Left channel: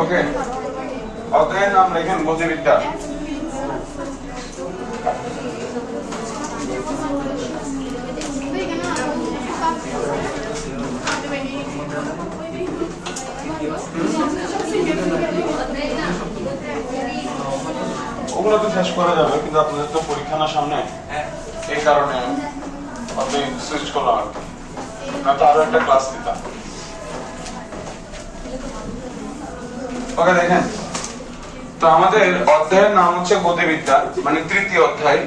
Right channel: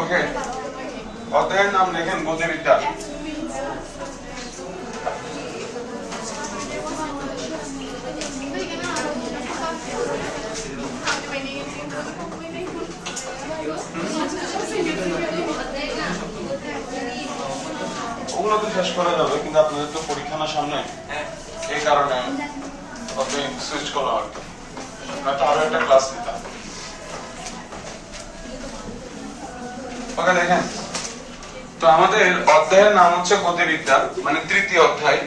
ওকে, অধ্যায়ের নাম লেখেন গতিবিদ্যা। ওগুলো তো শেষ করা যাবে, কিন্তু আপনাদের তো পরীক্ষা না সামনে, এই কারণে অধ্যায় সুইচ করলাম আর কি, নয়তো আরো একটা ক্লাস দিতাম। ওকে, দেখেন তো আমাদের অধ্যায়ের নাম হচ্ছে গতিবিদ্যা, মানে তৃতীয় অধ্যায়।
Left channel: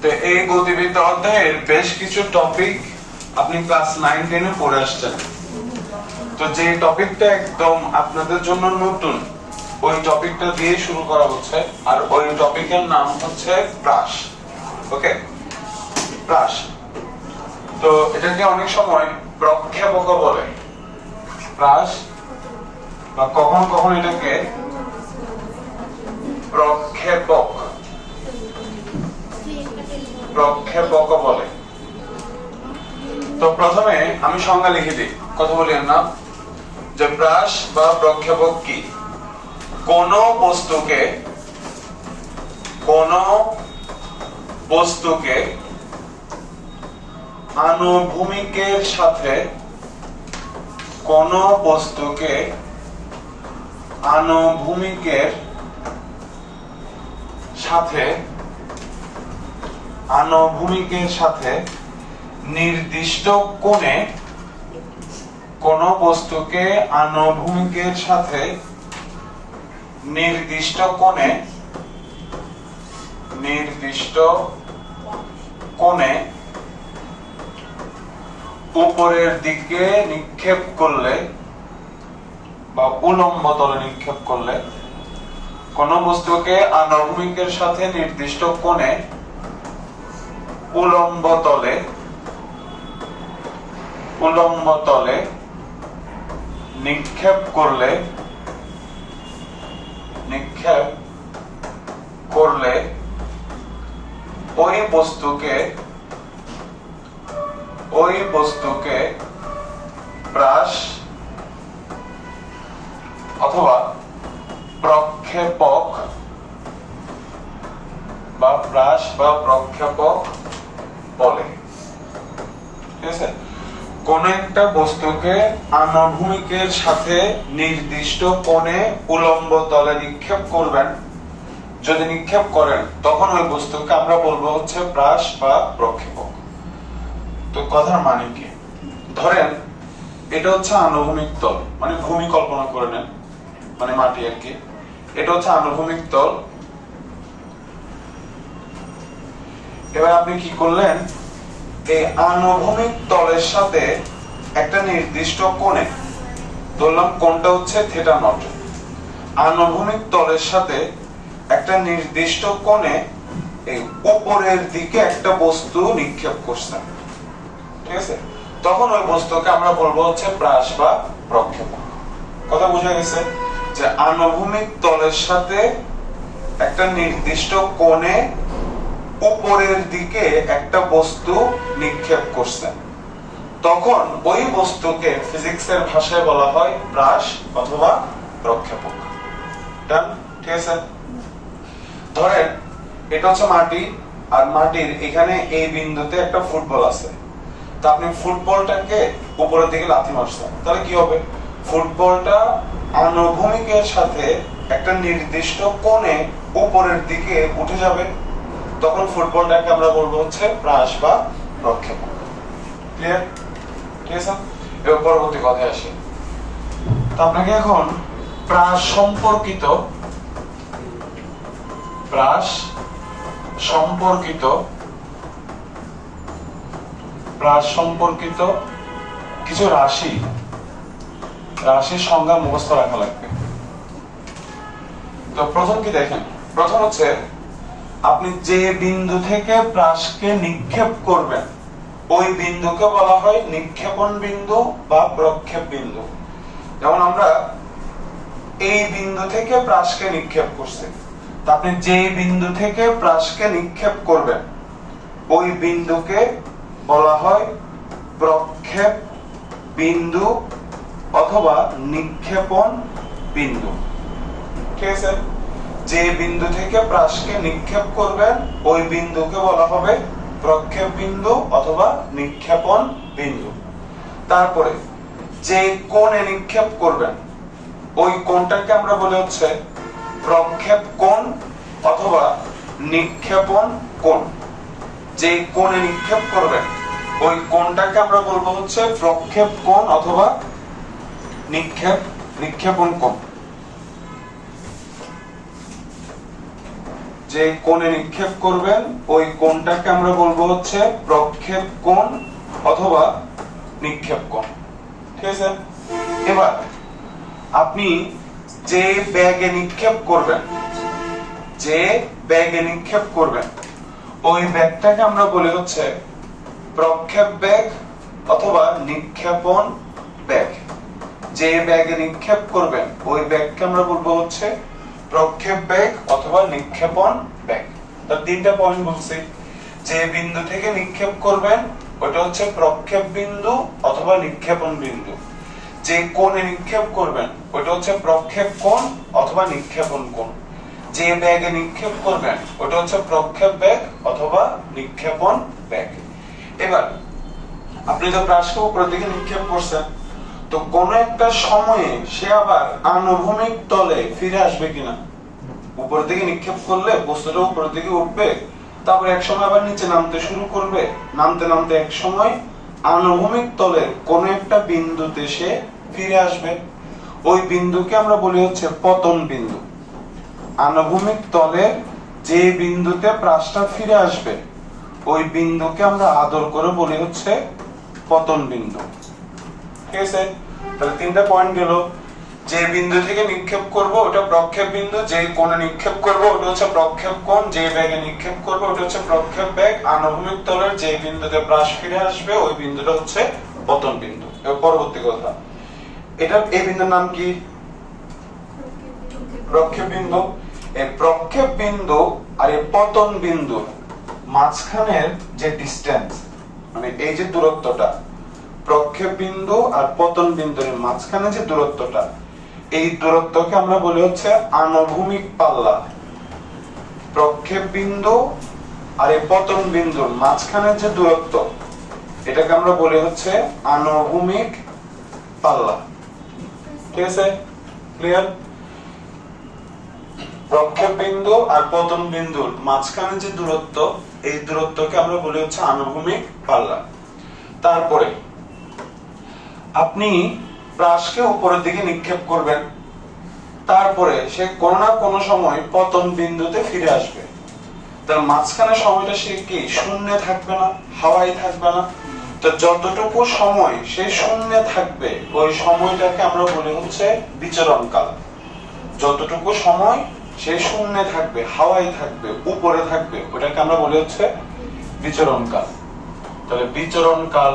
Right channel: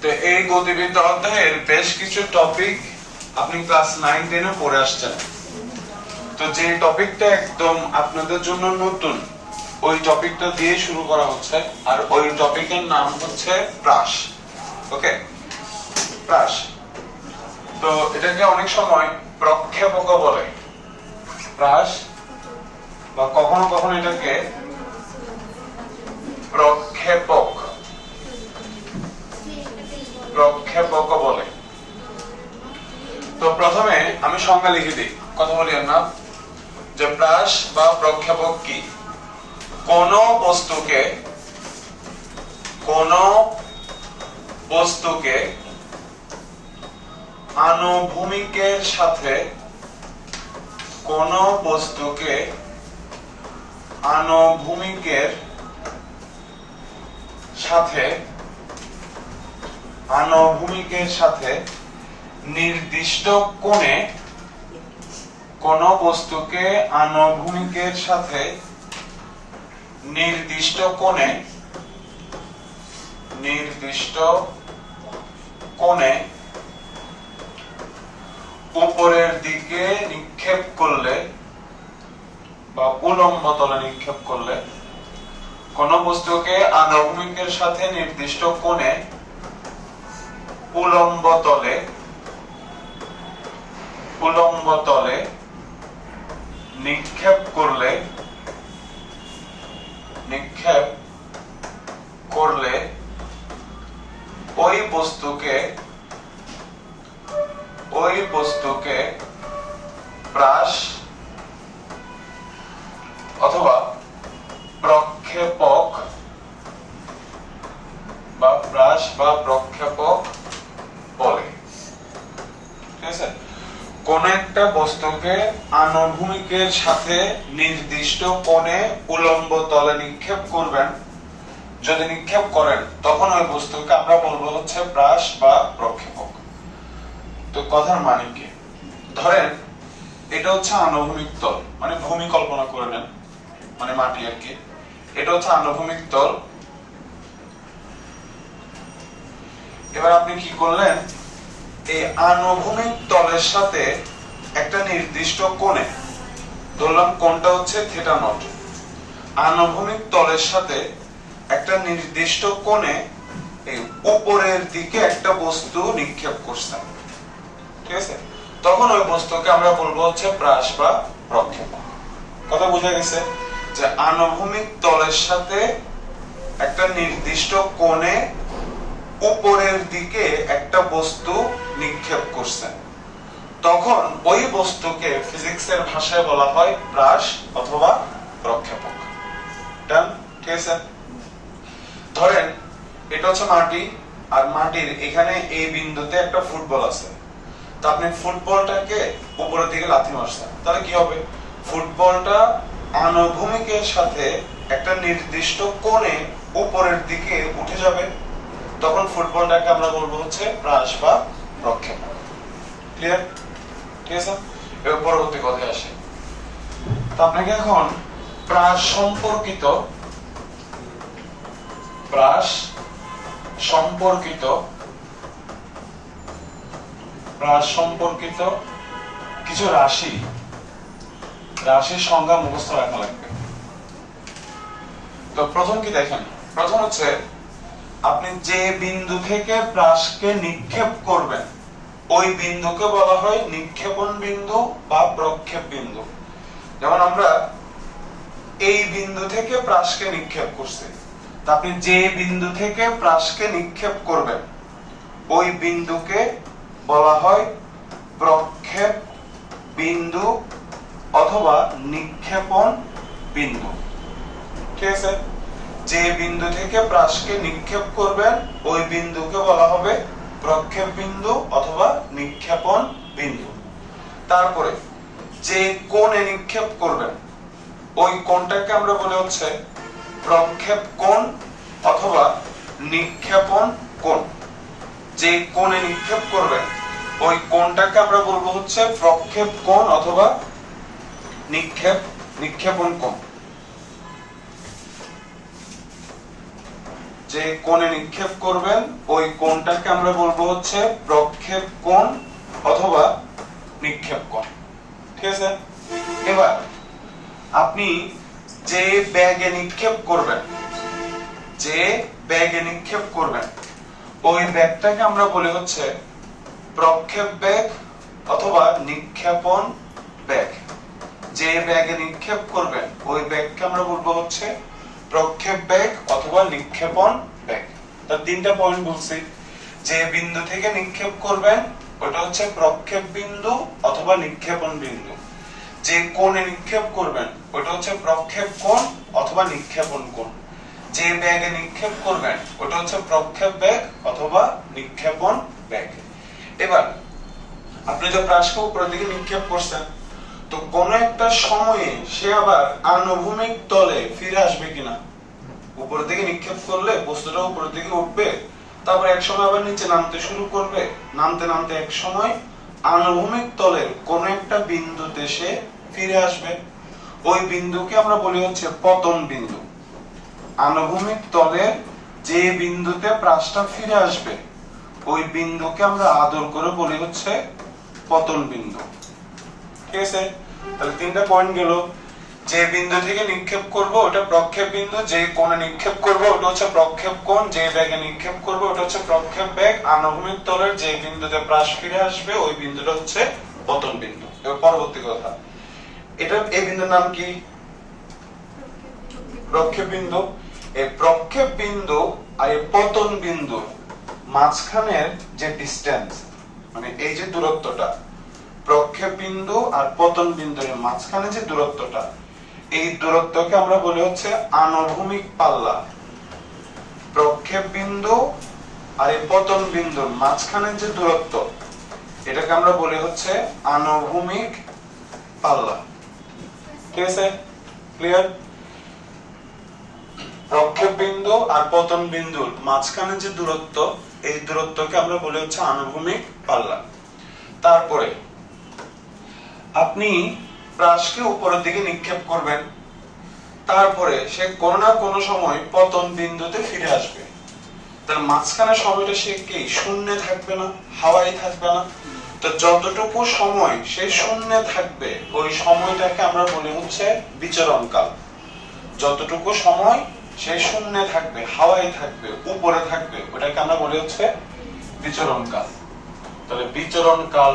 তো এই গতিবিদ্যা অধ্যায়ের বেশ কিছু টপিক আপনি ক্লাস 9-10 এ পড়ে আসছেন। তো যে টপিকটা একদম আপনাদের জন্য নতুন, ওই টপিকটা দিয়ে শুরু করা হচ্ছে, আর ওই টপিকের নাম হচ্ছে প্রাস। ওকে, প্রাস। তো এটাকে অনেক সময় প্রক্ষেপক বলে, প্রাস, বা কখনো কখনো এটাকে প্রক্ষেপক প্রক্ষেপক বলে। তো প্রথমে আমি সংজ্ঞা লিখে দিই, কথা বলি না, যে প্রাস বা প্রক্ষেপক কি? কোন বস্তুকে আনুভূমিকের সাথে নির্দিষ্ট কোণে উপরের দিকে নিক্ষেপ করলে বা উলম্ব তলে নিক্ষেপ করলে, কোন বস্তুকে আনুভূমিকের সাথে নির্দিষ্ট কোণে উলম্ব তলে নিক্ষেপ করলে ওই বস্তুকে প্রাস অথবা প্রক্ষেপক বা প্রাস বা প্রক্ষেপক বলে। ঠিক আছে? কোন একটা বস্তুকে আনুভূমিকের সাথে নির্দিষ্ট কোণে উলম্ব তলে নিক্ষেপ করবেন, যদি নিক্ষেপ করেন তখন ওই বস্তুকে আমরা বলবো হচ্ছে প্রাস বা প্রক্ষেপক। তো কথার মানে কি? ধরেন এটা হচ্ছে আনুভূমিক তল, মানে ভূমি কল্পনা করে নেন, মানে মাটি আর কি। এটা হচ্ছে আনুভূমিক তল। এবার আপনি কি করলেন, এই আনুভূমিক তলের সাথে একটা নির্দিষ্ট কোণে, ধরলাম কোণটা হচ্ছে থিটা নট, আনুভূমিক তলের সাথে একটা নির্দিষ্ট কোণে এই উপরের দিকে একটা বস্তু নিক্ষেপ করছেন। ঠিক আছে? তখন ওই বস্তুকে আমরা বলবো হচ্ছে প্রাস বা প্রক্ষেপক। কথা বুঝা গেছে? যে আনুভূমিক তলের সাথে একটা নির্দিষ্ট কোণে উপরের দিকে একটা বস্তু নিক্ষেপ করছেন, তখন ওই বস্তুকে ফিজিক্সের ভাষায় বলা হয় প্রাস অথবা প্রক্ষেপক। ঠিক আছে? ধরেন এটা হচ্ছে মাটি, আর মাটির এখানে এই বিন্দুতে একটা ফুটবল আছে। তো আপনি ফুটবলটাকে উপরের দিকে লাথি মারছেন, তাহলে কি হবে? ফুটবলটা আনুভূমিকের সাথে একটা নির্দিষ্ট কোণে উপরের দিকে উঠে যাবে, তখন ফুটবলটাকে আমরা বলবো হচ্ছে প্রাস বা প্রক্ষেপক। ক্লিয়ার? ঠিক আছে? এবার পরবর্তী কথায় আসে। তো আপনাকে এখন প্রাস সম্পর্কিত কিছু রাশির সংজ্ঞা মুখস্থ রাখা লাগবে। তো প্রথম কি দেখেন, প্রথম হচ্ছে আপনি যে বিন্দু থেকে প্রাসকে নিক্ষেপ করবেন, ওই বিন্দুকে বলা হয় নিক্ষেপণ বিন্দু বা প্রক্ষেপ বিন্দু। যেমন আমরা এই বিন্দু থেকে প্রাসকে নিক্ষেপ করছি, তা আপনি যে বিন্দু থেকে প্রাসকে নিক্ষেপ করবেন ওই বিন্দুকে বলা হয় প্রক্ষেপ বিন্দু অথবা নিক্ষেপণ বিন্দু। ঠিক আছে, যে বিন্দু থেকে প্রাসকে নিক্ষেপ করবেন ওই বিন্দুকে বলা হবে প্রক্ষেপ বিন্দু অথবা নিক্ষেপণ বিন্দু। তারপরে যে কোণে নিক্ষেপ করবেন ওই কোণটাকে আমরা বলি হচ্ছে প্রক্ষেপ কোণ অথবা নিক্ষেপণ কোণ। যে কোণে নিক্ষেপ করবেন ওই কোণটাকে আমরা বলবো হচ্ছে প্রক্ষেপ কোণ অথবা নিক্ষেপণ কোণ। যে কোণে নিক্ষেপ করবেন ওই কোণটাকে আমরা বলবো হচ্ছে প্রক্ষেপ কোণ অথবা নিক্ষেপ কোণ। ঠিক আছে, এবার আপনি যে ব্যাগে নিক্ষেপ করবেন ওই ব্যাগটাকে আমরা বলি হচ্ছে প্রক্ষেপ ব্যাগ অথবা নিক্ষেপণ ব্যাগ। যে ব্যাগে নিক্ষেপ করবেন ওই ব্যাগকে আমরা বলবো হচ্ছে প্রক্ষেপ ব্যাগ অথবা নিক্ষেপণ ব্যাগ। তার তিনটা পয়েন্ট বলছি। যে বিন্দু থেকে নিক্ষেপ করবেন ওটা হচ্ছে প্রক্ষেপ বিন্দু অথবা নিক্ষেপণ বিন্দু। যে কোণে নিক্ষেপ করবেন ওটা হচ্ছে প্রক্ষেপ কোণ অথবা নিক্ষেপণ কোণ। যে ব্যাগে নিক্ষেপ করবেন ওটা হচ্ছে প্রক্ষেপ ব্যাগ অথবা নিক্ষেপণ ব্যাগ। এবার আপনি যে প্রাসকে উপরের দিকে নিক্ষেপ করছেন, তো কোন একটা সময়ে সে আবার আনুভূমিক তলে ফিরে আসবে কিনা। উপরের দিকে নিক্ষেপ করলে বস্তুটা উপরের দিকে উঠবে, তারপর এক সময় আবার নিচে নামতে শুরু করবে, নামতে নামতে এক সময় আনুভূমিক তলের কোন একটা বিন্দুতে সে ফিরে আসবে। ওই বিন্দুকে আমরা বলি হচ্ছে পতন বিন্দু। আনুভূমিক তলের যে বিন্দুতে প্রাসটা ফিরে আসবে ওই বিন্দুকে আমরা আদর করে বলি হচ্ছে পতন বিন্দু। ঠিক আছে, তাহলে তিনটা পয়েন্ট গেল। যে বিন্দু থেকে নিক্ষেপ করব ওটা প্রক্ষেপ বিন্দু, যে কোণে নিক্ষেপ করব ওটা হচ্ছে প্রক্ষেপ কোণ, যে ব্যাগে নিক্ষেপ করব ওটা হচ্ছে প্রক্ষেপ ব্যাগ। আনুভূমিক তলের যে বিন্দুতে প্রাস ফিরে আসবে ওই বিন্দুটা হচ্ছে পতন বিন্দু। এবার পরবর্তী কথা, এই বিন্দুর নাম কি? প্রক্ষেপ বিন্দু। এই প্রক্ষেপ বিন্দু আর এই পতন বিন্দু মাঝখানের যে ডিসটেন্স, মানে এই যে দূরত্বটা, প্রক্ষেপ বিন্দু আর পতন বিন্দুর মাঝখানে যে দূরত্বটা, এই দূরত্বকে আমরা বলি হচ্ছে আনুভূমিক পাল্লা। প্রক্ষেপ বিন্দু আর এই পতন বিন্দুর মাঝখানে যে দূরত্ব, এটাকে আমরা বলি হচ্ছে আনুভূমিক পাল্লা। ঠিক আছে, ক্লিয়ার? প্রক্ষেপ বিন্দু আর পতন বিন্দুর মাঝখানে যে দূরত্ব, এই দূরত্বকে আমরা বলি হচ্ছে আনুভূমিক পাল্লা। তারপরে আপনি প্রাসকে উপরের দিকে নিক্ষেপ করবেন, তারপরে সে কোনো না কোনো সময় পতন বিন্দুতে ফিরে আসবে। তার মাঝখানে সময়টা সে কি শূন্যে থাকবে না, হাওয়ায় থাকবে না। তো যতটুকু সময় সে শূন্যে থাকবে ওই সময়টাকে আমরা বলি হচ্ছে বিচরণ কাল। যতটুকু সময় সে শূন্যে থাকবে, হাওয়ায় থাকবে, উপরে থাকবে, ওটাকে আমরা বলি হচ্ছে বিচরণ কাল। তাহলে বিচরণ কাল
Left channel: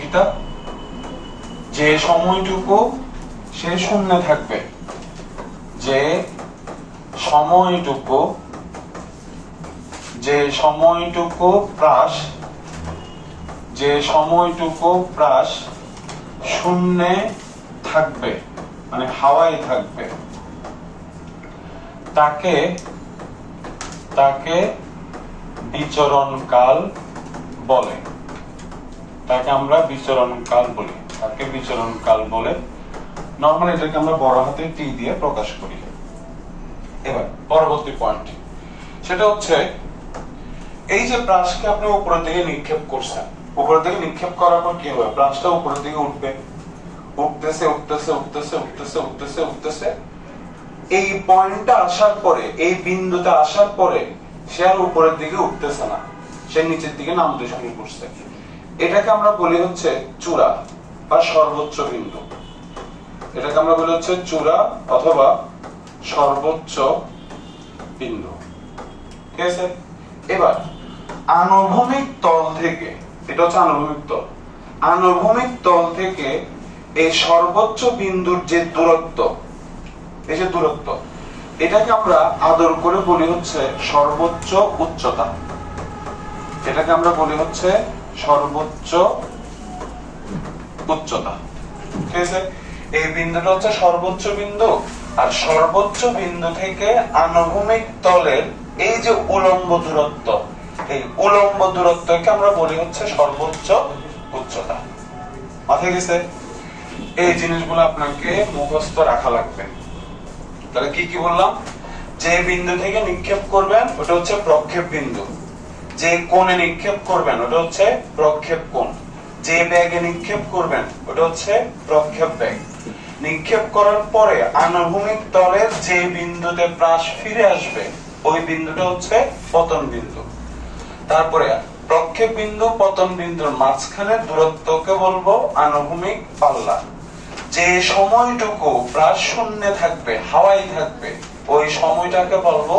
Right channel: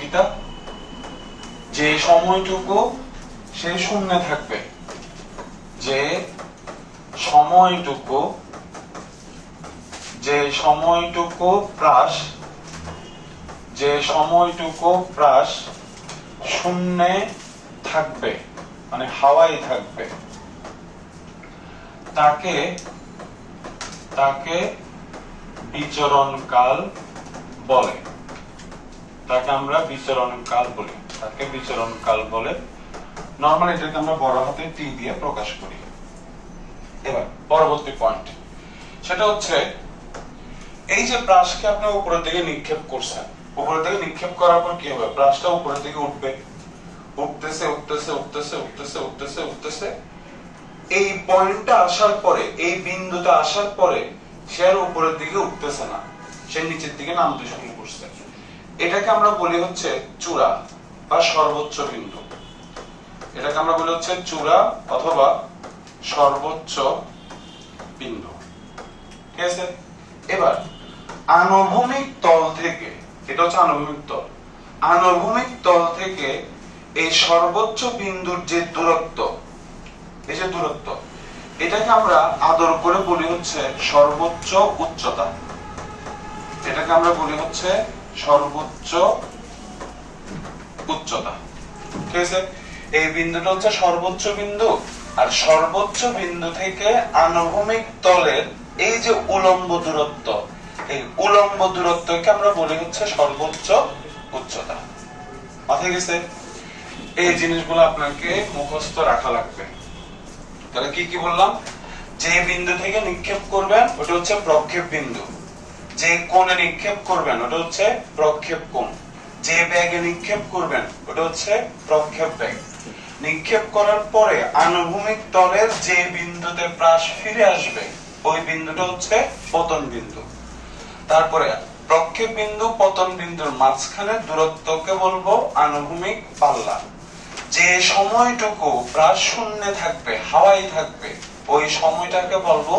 কিটা? যে সময়টুকু সে শূন্যে থাকবে, যে সময়টুকু প্রাস শূন্যে থাকবে, মানে হাওয়ায় থাকবে, তাকে বিচরণ কাল বলে। তাকে আমরা বিচরণ কাল বলে। নরমালি এটাকে আমরা বড় হাতে টি দিয়ে প্রকাশ করি। এবার পরবর্তী পয়েন্ট, সেটা হচ্ছে এই যে প্রাসকে আপনি উপরের দিকে নিক্ষেপ করছেন, উপরের দিকে নিক্ষেপ করার পর কি হবে? প্রাসটা উপরের দিকে উঠবে, উঠতেছে। এই পয়েন্টটা আসার পরে, এই বিন্দুতে আসার পরে সে আর উপরের দিকে উঠতেছে না, সে নিচের দিকে নামতে শুরু করছে। এটাকে আমরা বলি হচ্ছে চূড়া বা সর্বোচ্চ বিন্দু। এটাকে আমরা বলি হচ্ছে চূড়া অথবা সর্বোচ্চ বিন্দু। ঠিক আছে, এবার আনুভূমিক তল থেকে, এটা হচ্ছে আনুভূমিক তল থেকে এই সর্বোচ্চ বিন্দুর যে দূরত্ব, এই যে দূরত্ব, এটাকে আমরা আদর করে বলি হচ্ছে সর্বোচ্চ উচ্চতা। এটাকে আমরা বলি হচ্ছে সর্বোচ্চ উচ্চতা। ঠিক আছে, এই বিন্দুটা হচ্ছে সর্বোচ্চ বিন্দু, আর সর্বোচ্চ বিন্দু থেকে আনুভূমিক তলের এই যে উলম্ব দূরত্ব, এই উলম্ব দূরত্বকে আমরা বলি হচ্ছে সর্বোচ্চ উচ্চতা। মাথায় গেছে? এই জিনিসগুলো আপনাকে মুখস্থ রাখা লাগবে। তাহলে কি কি বললাম? যে বিন্দু থেকে নিক্ষেপ করবেন ওটা হচ্ছে প্রক্ষেপ বিন্দু, যে কোণে নিক্ষেপ করবেন ওটা হচ্ছে প্রক্ষেপ কোণ, যে বেগে নিক্ষেপ করবেন ওটা হচ্ছে প্রক্ষেপ বেগ। নিক্ষেপ করার পরে আনুভূমিক তলের যে বিন্দুতে প্রাস ফিরে আসবে ওই বিন্দুটা হচ্ছে পতন বিন্দু। তারপরে প্রক্ষেপ বিন্দু পতন বিন্দুর মাঝখানে দূরত্বকে বলবো আনুভূমিক পাল্লা। যে সময়টুকু প্রাস শূন্যে থাকবে, হাওয়াই থাকবে, ওই সময়টাকে বলবো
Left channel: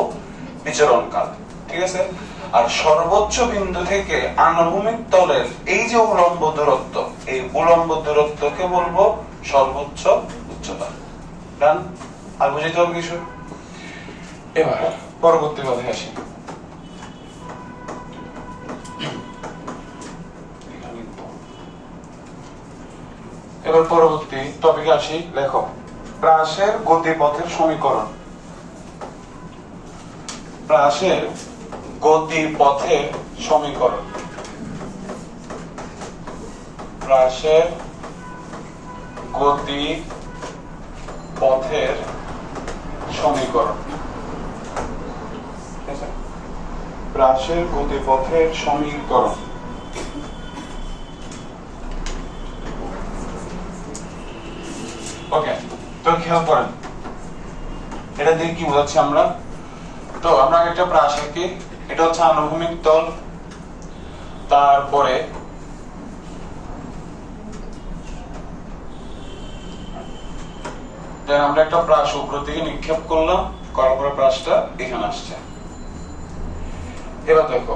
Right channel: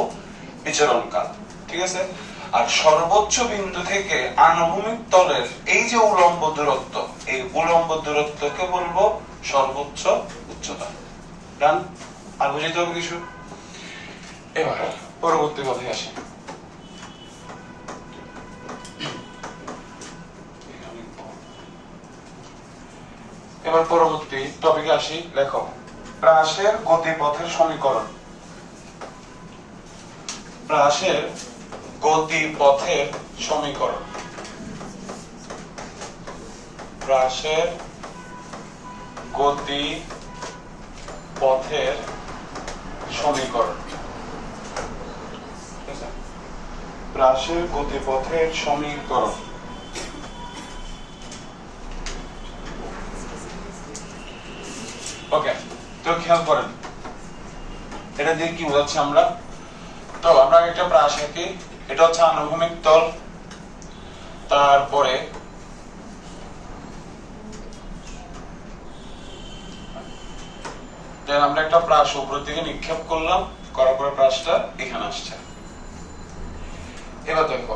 বিচরণকাল। ঠিক আছে, আর সর্বোচ্চ বিন্দু থেকে আনুভূমিক তলের এই যে উলম্ব দূরত্ব, এই উলম্ব দূরত্বকে বলবো সর্বোচ্চ উচ্চতা। জান আর বুঝতে হবে কিছু? এবার পরবর্তী কথায় আসি। এবার পরবর্তী টপিকে আসি। লেখো প্রাসের গতিপথের সমীকরণ। প্রাসের গতিপথের সমীকরণ। প্রাসের গতিপথের সমীকরণ। প্রাসের গতিপথের সমীকরণ। ওকে, তো খেয়াল করেন এটা দিয়ে কি বোঝাচ্ছি আমরা। তো আমরা একটা প্রাস আঁকি, এটা হচ্ছে আনুভূমিক তল, তারপরে আমরা একটা প্রাস উপর দিকে নিক্ষেপ করলাম, করার পরে প্রাসটা এখানে আসছে। এবার দেখো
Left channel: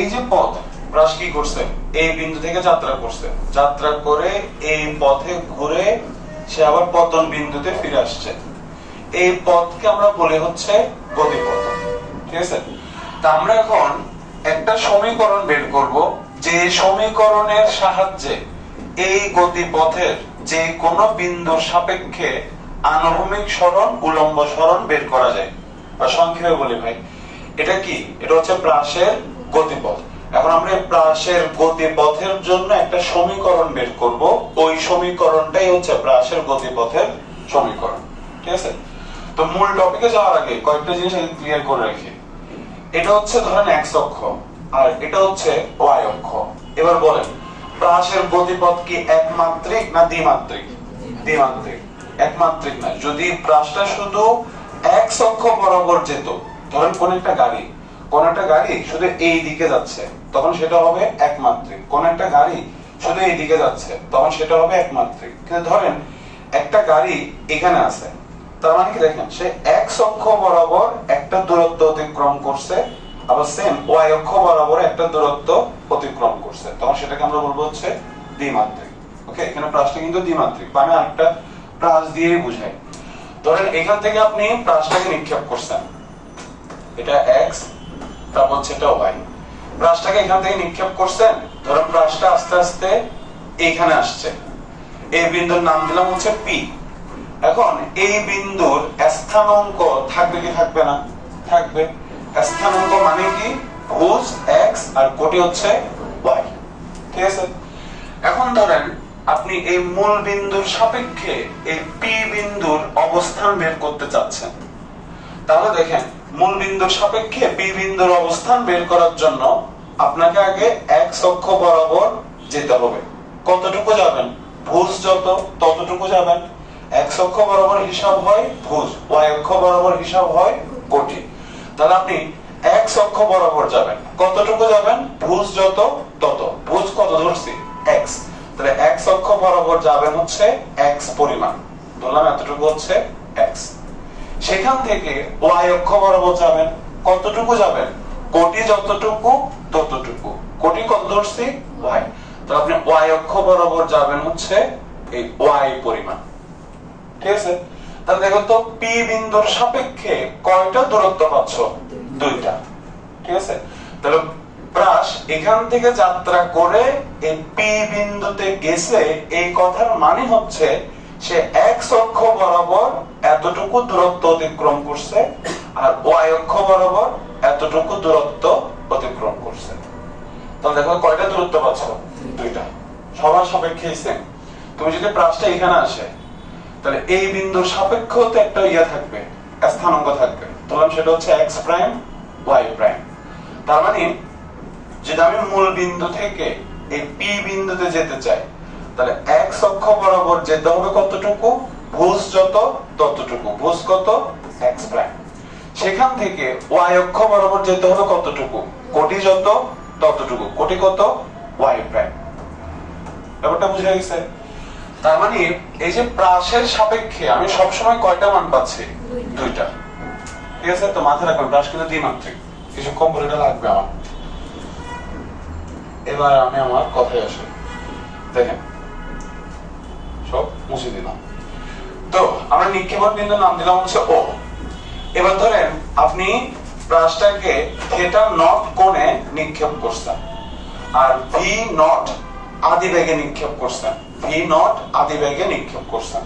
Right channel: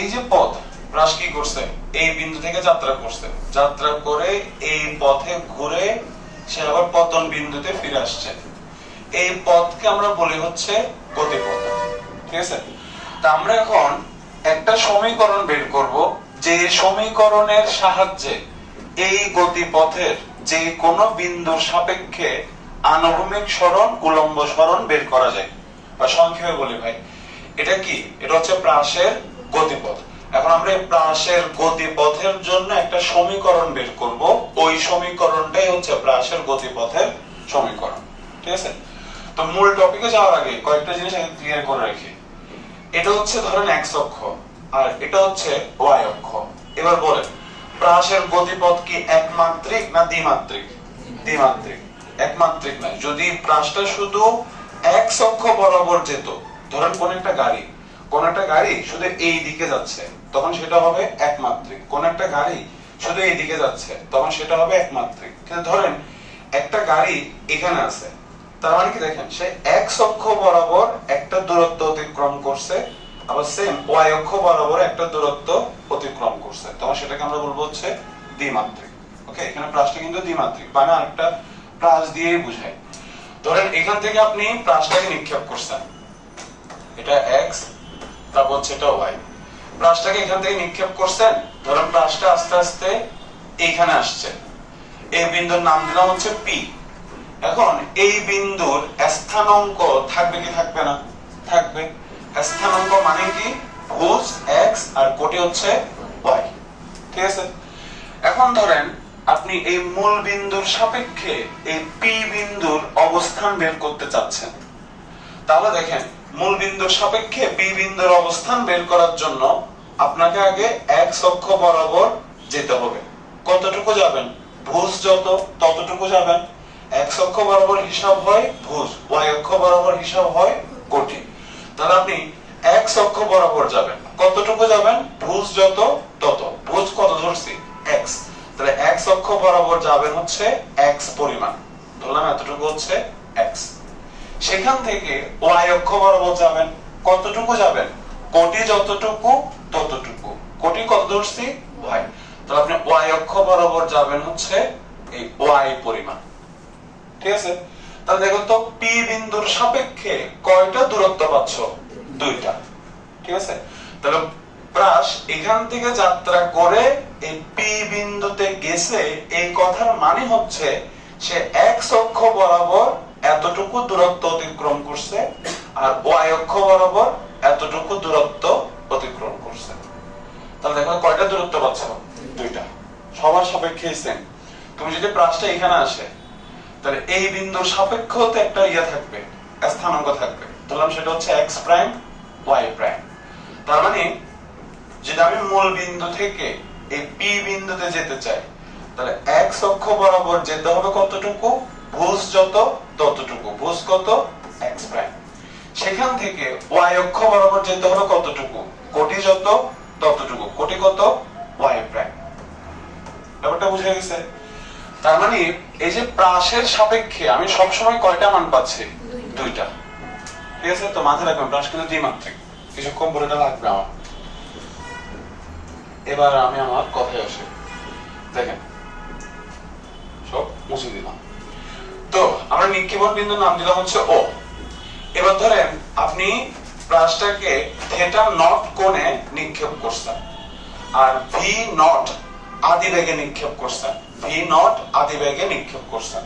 এই যে পথ, প্রাস কি করছে? এই বিন্দু থেকে যাত্রা করছে, যাত্রা করে এই পথে ঘুরে সে আবার পতন বিন্দুতে ফিরে আসছে। এই পথকে আমরা বলি হচ্ছে গতিপথ। ঠিক আছে, তা আমরা এখন একটা সমীকরণ বের করব, যে সমীকরণের সাহায্যে এই গতিপথের যে কোনো বিন্দুর সাপেক্ষে আনুভূমিক সরণ উলম্ব সরণ বের করা যায়। বা সংক্ষেপে বলি ভাই, এটা কি? এটা হচ্ছে প্রাসের গতিপথ। এখন আমরা এই প্রাসের গতিপথের জন্য একটা সমীকরণ বের করব, ওই সমীকরণটাই হচ্ছে প্রাসের গতিপথের সমীকরণ। ঠিক আছে, তো মূল টপিকে যাওয়ার আগে কয়েকটা জিনিস আমি ক্লিয়ার করে রাখি। এটা হচ্ছে ধরেন এক্স অক্ষ, আর এটা হচ্ছে ওয়াই অক্ষ। এবার বলেন প্রাসের গতিপথ কি একমাত্রিক না দ্বিমাত্রিক? দ্বিমাত্রিক। একমাত্রিক না। যদি প্রাসটা শুধু এক্স অক্ষ বরাবর যেত, ধরেন কোন একটা গাড়ি শুধু এই দিকে যাচ্ছে, তখন সেটা হবে একমাত্রিক। কোন একটা গাড়ি শুধু এই দিকে যাচ্ছে, তখন সেটা হবে একমাত্রিক। কিন্তু ধরেন একটা গাড়ি এখানে আছে, তার মানে কি দেখেন সে এক্স অক্ষ বরাবর একটা দূরত্ব অতিক্রম করছে, আবার সেম ওয়াই অক্ষ বরাবর একটা দূরত্ব অতিক্রম করছে, তখন সেটাকে আমরা বলবো হচ্ছে দ্বিমাত্রিক। ওকে, এখানে প্রাসটা কিন্তু দ্বিমাত্রিক, মানে আরেকটা প্রাস দিয়েই বুঝায়। ধরেন এখান থেকে আপনি প্রাসটাকে নিক্ষেপ করছেন, এটা এক্স, তারপর সেটা ওয়াই। প্রাসটাকে এখান থেকে নিক্ষেপ করছেন, ধরেন প্রাসটা আস্তে আস্তে এইখানে আসছে, এই বিন্দুর নাম দিলাম হচ্ছে পি। এখন এই বিন্দুর স্থানাঙ্ক থাকবে কি থাকবে না? থাকবে। স্থানাঙ্ক মানে কি? ভুজ এক্স আর কোটি হচ্ছে ওয়াই। ঠিক আছে, এখন ধরেন আপনি এই মূল বিন্দুর সাপেক্ষে এই পি বিন্দুর অবস্থান বের করতে চাচ্ছেন। তাহলে দেখেন মূল বিন্দুর সাপেক্ষে পি বিন্দুর অবস্থান বের করার জন্য আপনাকে আগে এক্স অক্ষ বরাবর যেতে হবে। কতটুকু যাবেন? ভুজ যত ততটুকু যাবেন। এক্স অক্ষ বরাবর হিসাব হয় ভুজ, ওয়াই অক্ষ বরাবর হিসাব হয় কোটি। তাহলে আপনি এক্স অক্ষ বরাবর যাবেন, কতটুকু যাবেন? ভুজ যত তত। ভুজ কত ধরছি? এক্স। তাহলে এক্স অক্ষ বরাবর যাবেন হচ্ছে এক্স পরিমাণ, ধরলাম এতটুকু হচ্ছে এক্স। সেখান থেকে ওয়াই অক্ষ বরাবর যাবেন, কতটুকু যাবেন? কোটি যতটুকু ততটুকু। কোটি কত ধরছি? ওয়াই। তাহলে আপনি ওয়াই অক্ষ বরাবর যাবেন হচ্ছে এই ওয়াই পরিমাণ। ঠিক আছে, তাহলে দেখুন তো পি বিন্দুর সাপেক্ষে কয়টা দূরত্ব পাচ্ছ? দুইটা। ঠিক আছে, তাহলে প্রাস এখান থেকে যাত্রা করে এই পি বিন্দুতে গেছে, এই কথার মানে হচ্ছে সে এক্স অক্ষ বরাবর এতটুকু দূরত্ব অতিক্রম করছে আর ওয়াই অক্ষ বরাবর এতটুকু দূরত্ব অতিক্রম করছে। তাহলে দেখো কয়টা দূরত্ব পাচ্ছ? দুইটা, সবার সাপেক্ষে সেম। তুমি যদি প্রাসটা এখানে আসে, তাহলে এই বিন্দুর সাপেক্ষতে একটা ইয়া থাকবে, স্থানাঙ্ক থাকবে, ধরলাম সেটা হচ্ছে এক্স প্রাইম ওয়াই প্রাইম। তার মানে যদি আমি মূল বিন্দু থেকে এই পি বিন্দুতে যেতে চাই, তাহলে এক্স অক্ষ বরাবর যেতে হবে কতটুকু? ভুজ যত ততটুকু, ভুজ কত? X prime. সেখান থেকে ওয়াই অক্ষ বরাবর যেতে হবে কতটুকু? কোটি যত ততটুকু, কোটি কত? Y prime. ব্যাপারটা বুঝা গেছে? তার মানে এই যে প্রাসের সাপেক্ষে আমি সবসময় কয়টা মান পাচ্ছি? দুইটা। ঠিক আছে? তো মাথায় রাখবেন প্রাস কিন্তু দ্বিমাত্রিক, কিছু কম করে এটা লাগবে আমার। এবার আমি আমার কথায় আসি, দেখেন সব মুছে দিলাম। তো আমরা নিক্ষেপণ বিন্দুর নাম দিলাম হচ্ছে ও। এবার ধরেন আপনি প্রাসটাকে থিটা নট কোণে নিক্ষেপ করছেন আর ভি নট আদি বেগে নিক্ষেপ করছেন, ভি নট আদি বেগে নিক্ষেপ করছেন।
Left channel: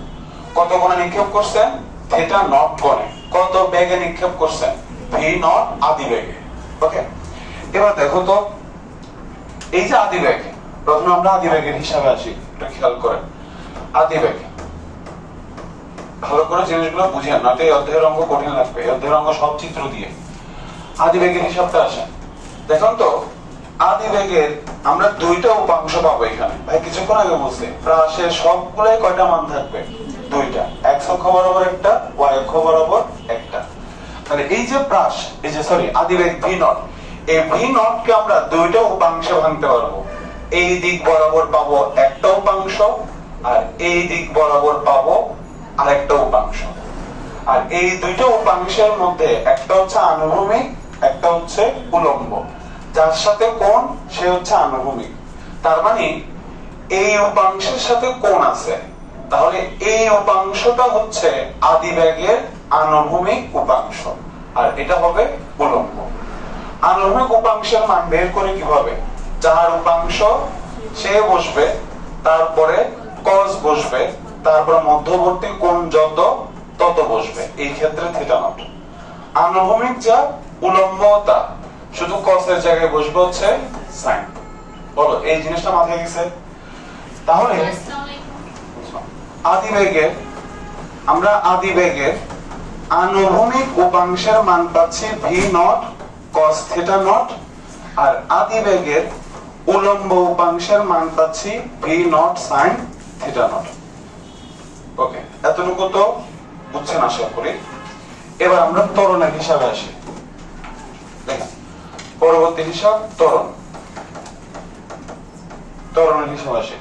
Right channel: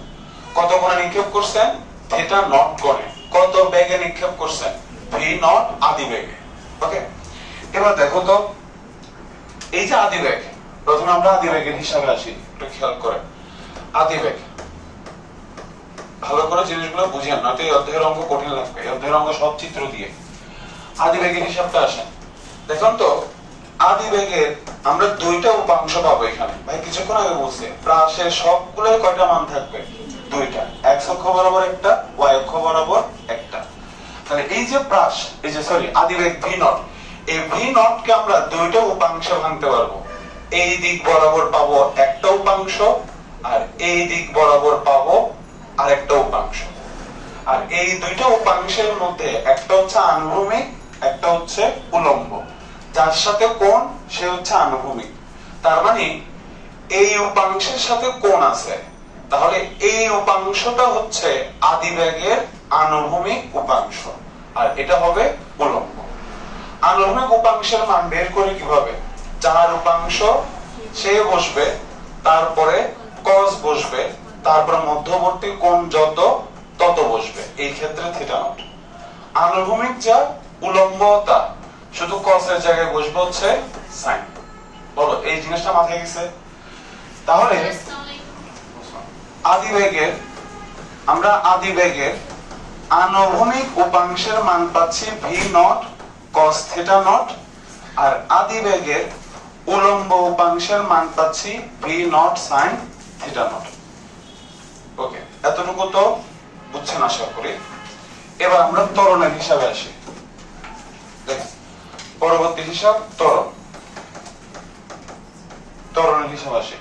কত কোণে নিক্ষেপ করছেন? থিটা নট কোণে। কত বেগে নিক্ষেপ করছেন? ভি নট আদি বেগে। ওকে, এবার দেখো তো এই যে আদি বেগ, প্রথমে আমরা আদি বেগের হিসাবে আসি, একটু খেয়াল করেন। আদি বেগ ভালো করে জিনিসগুলো বুঝেন, নয়তো এই অধ্যায়ের অঙ্ক কঠিন লাগবে। এই অধ্যায়ের অঙ্ক সব চিত্র দিয়ে। আদি বেগের হিসাবটা আসে, দেখুন তো আদি বেগের আমরা দুইটা উপাংশ পাবো এখানে। ভাই কিছুক্ষণ আগে বলছে প্রাসের সবগুলোই কয়টা মান থাকবে? দুইটা, এক্স অক্ষ বরাবর একটা, ওয়াই অক্ষ বরাবর একটা। তাহলে এই যে প্রাস, এই যে সরি আদি বেগ ভি নট, এই ভি নট কে আমরা দুইটা উপাংশে ভাঙতে পারবো। এই দিক বরাবর পাবো একটা উপাংশ আর এই দিক বরাবর পাবো আরেকটা উপাংশ। আর এই দুইটা উপাংশের মধ্যে একটা হচ্ছে আনুভূমিক, একটা হচ্ছে উলম্ব। যার সাথে কোণ সে হচ্ছে আনুভূমিক। তার মানে এই উপাংশের সাথে কোণ আছে, তাহলে এই উপাংশটা হচ্ছে আদি বেগের আনুভূমিক উপাংশ আর এটা হবে উলম্ব। আনুভূমিক উপাংশের মান বের করে কিভাবে? যার উপাংশ সে বসবে, তারপরে কস বসবে, তারপরে মধ্যবর্তী কোণ যত তত বসবে, এই ক্ষেত্রে থিটা নট। আনুভূমিক যা, উলম্ব তা, শুধু কসের জায়গায় বসবে হচ্ছে সাইন। বলো এই জিনিসটা মাথায় গেছে? তাহলে আদি বেগের, আমরা আদি বেগের আনুভূমিক উপাংশের মান পাচ্ছি V not cos theta nought, আর আদি বেগের উলম্ব উপাংশের মান পাচ্ছি V nought sine theta nought. Okay, এতটুকু তো বুঝছেন আশা করি। এবার আমরা ত্বরণের হিসাবে আসি। দেখেন পরবর্তী হিসাব ত্বরণ। ত্বরণের হিসাব আসে,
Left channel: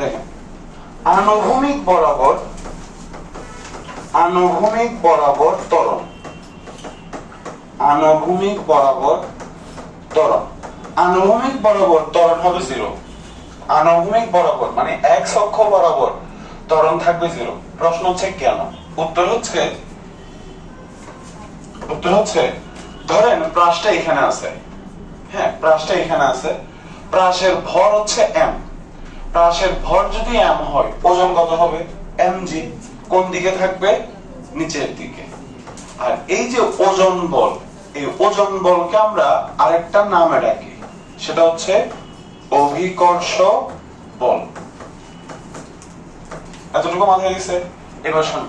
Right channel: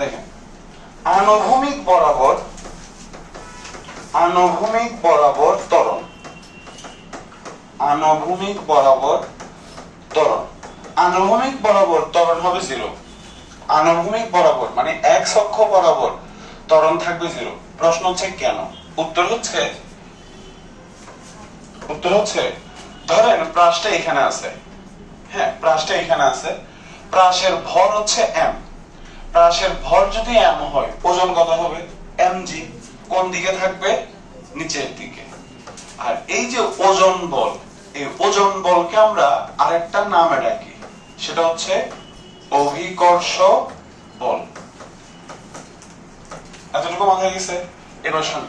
দেখেন আনুভূমিক বরাবর, আনুভূমিক বরাবর ত্বরণ, আনুভূমিক বরাবর ত্বরণ। আনুভূমিক বরাবর ত্বরণ হবে 0। আনুভূমিক বরাবর মানে এক্স অক্ষ বরাবর ত্বরণ থাকবে 0। প্রশ্ন হচ্ছে কেন? উত্তর হচ্ছে ধরেন প্রাসটা এখানে আছে, হ্যাঁ প্রাসটা এখানে আছে, প্রাসের ভর হচ্ছে m। প্রাসের ভর যদি m হয়, ওজন কত হবে? mg। কোন দিকে থাকবে? নিচের দিকে। আর এই যে ওজন বল, এই ওজন বলকে আমরা আরেকটা নামে ডাকি, সেটা হচ্ছে অভিকর্ষ বল। এতটুকু মাথায় গেছে? এবার শুন,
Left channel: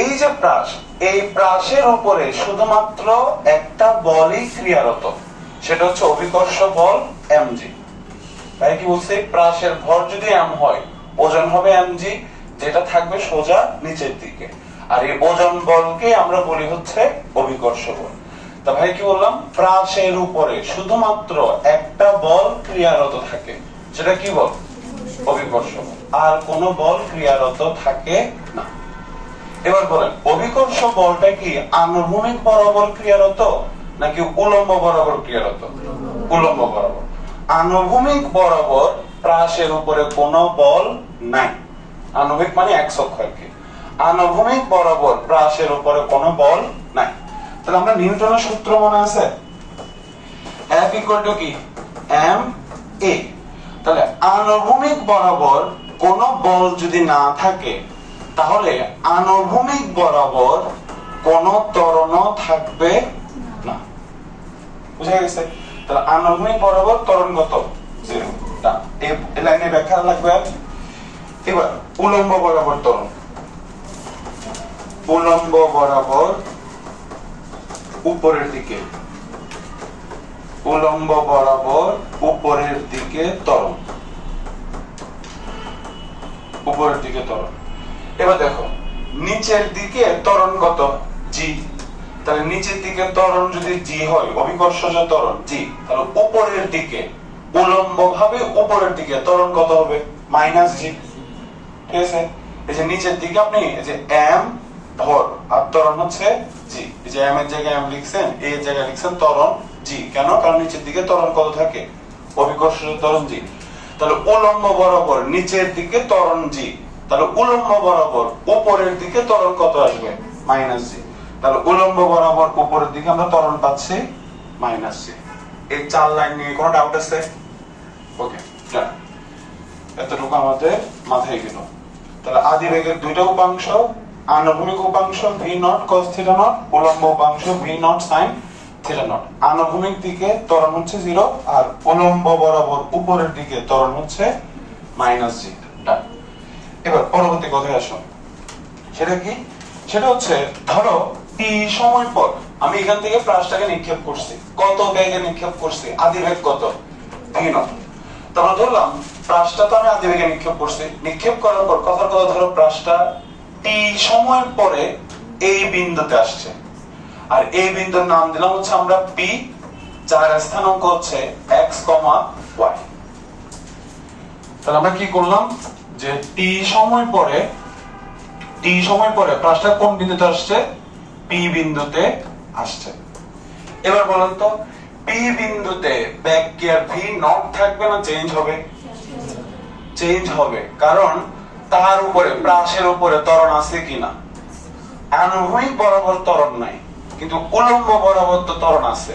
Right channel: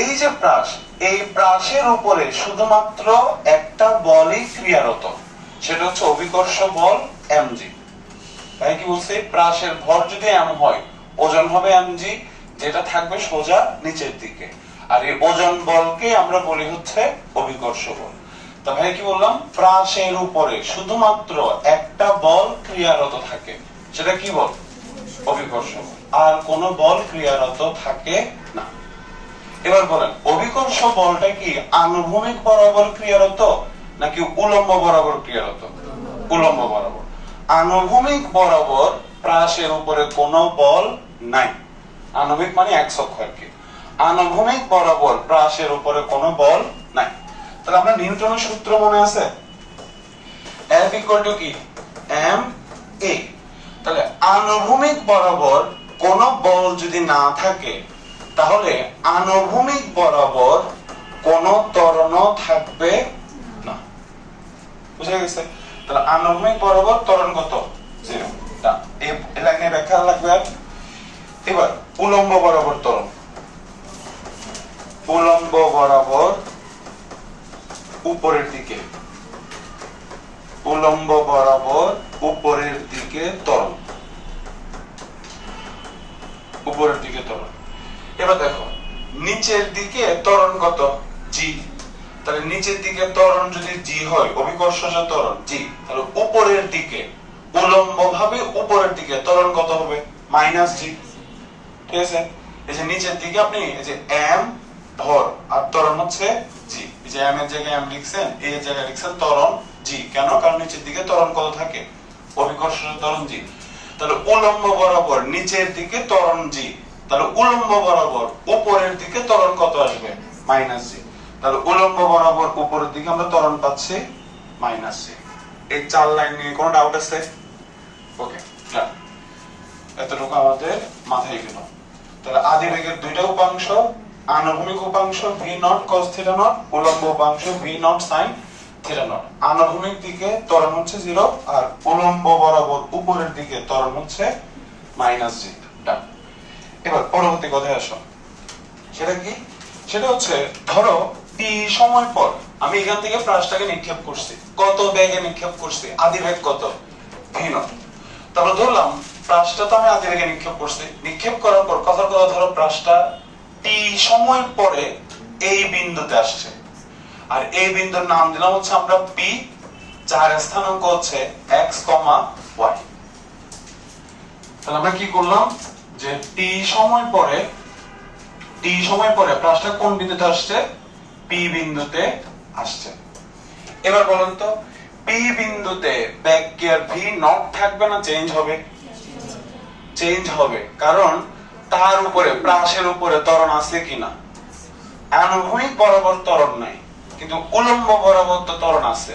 এই যে প্রাস, এই প্রাসের উপরে শুধুমাত্র একটা বলই ক্রিয়ারত, সেটা হচ্ছে অভিকর্ষ বল mg। তাই কি বলছে? প্রাসের ভর যদি m হয়, ওজন হবে mg, যেটা থাকবে সোজা নিচের দিকে। আর এই ওজন বলকে আমরা বলি হচ্ছে অভিকর্ষ বল। তা ভাই কি বললাম? প্রাসের উপরে শুধুমাত্র একটা বল ক্রিয়ারত থাকে, সেটা কি বল? অভিকর্ষ বল। আর কোন বল ক্রিয়ারত থাকে না। এবার বলেন অভিকর্ষ বলটা কি আনুভূমিক বরাবর ক্রিয়ারত নাকি উলম্ব বরাবর ক্রিয়ারত? উলম্ব বরাবর। আনুভূমিক বরাবর প্রাসের উপরে কোনো বল নাই। আনুভূমিক মানে এক্স অক্ষ আর কি। আনুভূমিক বরাবর প্রাসের উপরে কোনো বল নাই। তাহলে আমরা নিউটনের সূত্র মনে আছে? F ইকুয়াল টু কি এম এ। তাহলে আনুভূমিক বরাবর কোন বল যদি না থাকে তাহলে আনুভূমিক বরাবর কোন ত্বরণ থাকবে না। বুঝা গেছে? তাহলে আনুভূমিক বরাবর ত্বরণ কত? জিরো। এই লাইনে ব্যাখ্যা লাগবে। এবার উলম্ব বরাবর ত্বরণ, উলম্ব বরাবর উপরের দিকে, উলম্ব বরাবর উপরের দিকে ত্বরণ, উপরের দিকে ত্বরণ। এবার দেখো নিচের দিকে ত্বরণ কত? জি। তাহলে নিচের দিকে ত্বরণ যদি জি হয়, অভিকর্ষজ ত্বরণ জি, তাহলে উপরের দিকে উলম্ব ভাবে উপরের দিকে ত্বরণ কত হবে? মাইনাস জি। ঠিক আছে? এই যে নিচের দিকে আপনি এই যে এম ভর আর ত্বরণ হচ্ছে জি, এই যে এম এর জায়গায় এম লিখছেন, এ এর জায়গায় লিখছেন ত্বরণ জি। কেন? কারণ নিচের দিকে ত্বরণ কত থাকে? অভিকর্ষজ ত্বরণ জি। তাহলে উলম্ব বরাবর নিচের দিকে ত্বরণ জি, তাহলে উলম্ব বরাবর উপরের দিকে ত্বরণ কত আসবে? মাইনাস জি। তাহলে উলম্ব বরাবর উপরের দিকে আমরা ত্বরণ পাচ্ছি মাইনাস জি। এই চার লাইন নিয়ে কোনো ডাউট আছে? ওকে, ডান। এতটুকু আমাদের মাথায় গেল। তাহলে আদি বেগের দুইটা উপাংশ, আনুভূমিক উপাংশ V not cos theta nought, উলম্ব উপাংশ V nought sin theta nought. আনুভূমিক দিকে ত্বরণ হচ্ছে 0 আর উলম্ব বরাবর উপরের দিকে ত্বরণ হচ্ছে মাইনাস জি। ডান। এবার পরবর্তী কথায় আসো। সেটা কি? সেটা হচ্ছে ধরো টি সময় পর আমি এখান থেকে প্রাসটাকে নিক্ষেপ করছি। কত বেগে নিক্ষেপ করছি? আদি বেগ কত? V naught. তাহলে ধরলাম প্রাসটা তো আমি আদি বেগে নিক্ষেপ করছি। নিক্ষেপ করার পর কথার কথা ধরো প্রাসটা টি সময় পরে এই বিন্দুতে আসছে, আর এই বিন্দুর নাম দিলাম হচ্ছে আমরা পি, যার স্থানাঙ্ক হচ্ছে এক্স কমা ওয়াই। তাহলে আমরা কি করলাম যে টি সময় পরে, টি সময় পরে প্রাসটা কোন বিন্দুতে আসছে? পি বিন্দুতে আসছে। এবার বলুন তো পি বিন্দুতে ব্যাক কি আর ভি নট থাকবে না চেঞ্জ হবে? চেঞ্জ হবে, কারণ তার উপরে প্রাসের উপরে ত্বরণ আছে কিনা? আনুভূমিক বরাবর ত্বরণ নাই, কিন্তু উলম্ব বরাবর তো ত্বরণ আছে।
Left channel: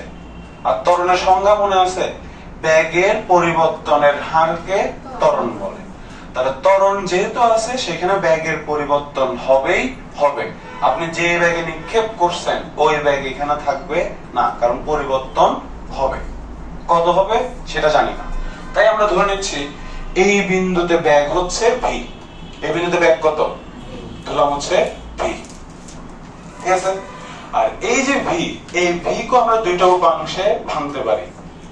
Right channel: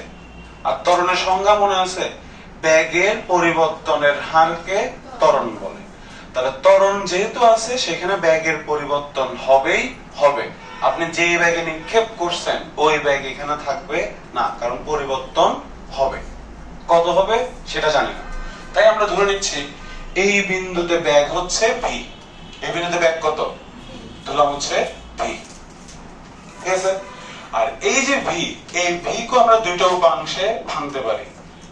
আর ত্বরণের সংজ্ঞা মনে আছে? বেগের পরিবর্তনের হারকে ত্বরণ বলে। তাহলে ত্বরণ যেহেতু আছে সেখানে বেগের পরিবর্তন হবেই হবে। আপনি যে বেগে নিক্ষেপ করছেন ওই বেগ এখানে থাকবে না, কারণ পরিবর্তন হবে। কত হবে সেটা জানি না, তাই আমরা ধরে নিচ্ছি এই বিন্দুতে বেগ হচ্ছে ভি। এই বিন্দুতে বেগ কত? ধরলাম হচ্ছে ভি। ঠিক আছে? আর এই যে ভি, এই ভি কে আমরা দুইটা উপাংশে ভাঙতে পারি।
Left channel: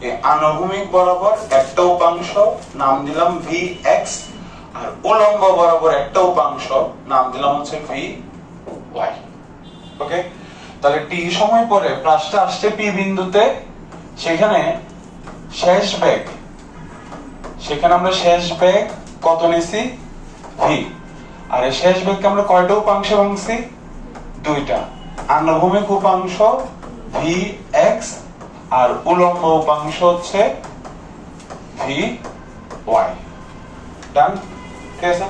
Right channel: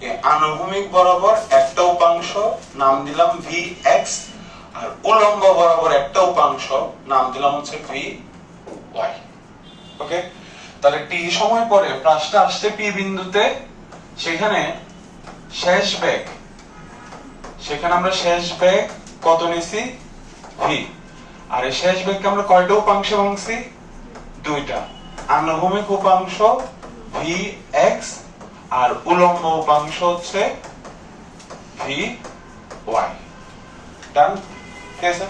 এই আনুভূমিক বরাবর একটা উপাংশ নাম দিলাম ভি এক্স, আর উলম্ব বরাবর একটা উপাংশ নাম দিলাম হচ্ছে ভি ওয়াই। ওকে? তাহলে টি সময় পরে প্রাসটা আসছে পি বিন্দুতে, সেখানে শেষ বেগ, সেখানে আমরা শেষ বেগ কত নিছি? ভি। আর এই শেষ বেগকে আমরা কয়টা উপাংশে ভাঙছি? দুইটা। আনুভূমিক উপাংশ ভি এক্স আর উলম্ব উপাংশ হচ্ছে ভি ওয়াই। ডান? ঠিক আছে?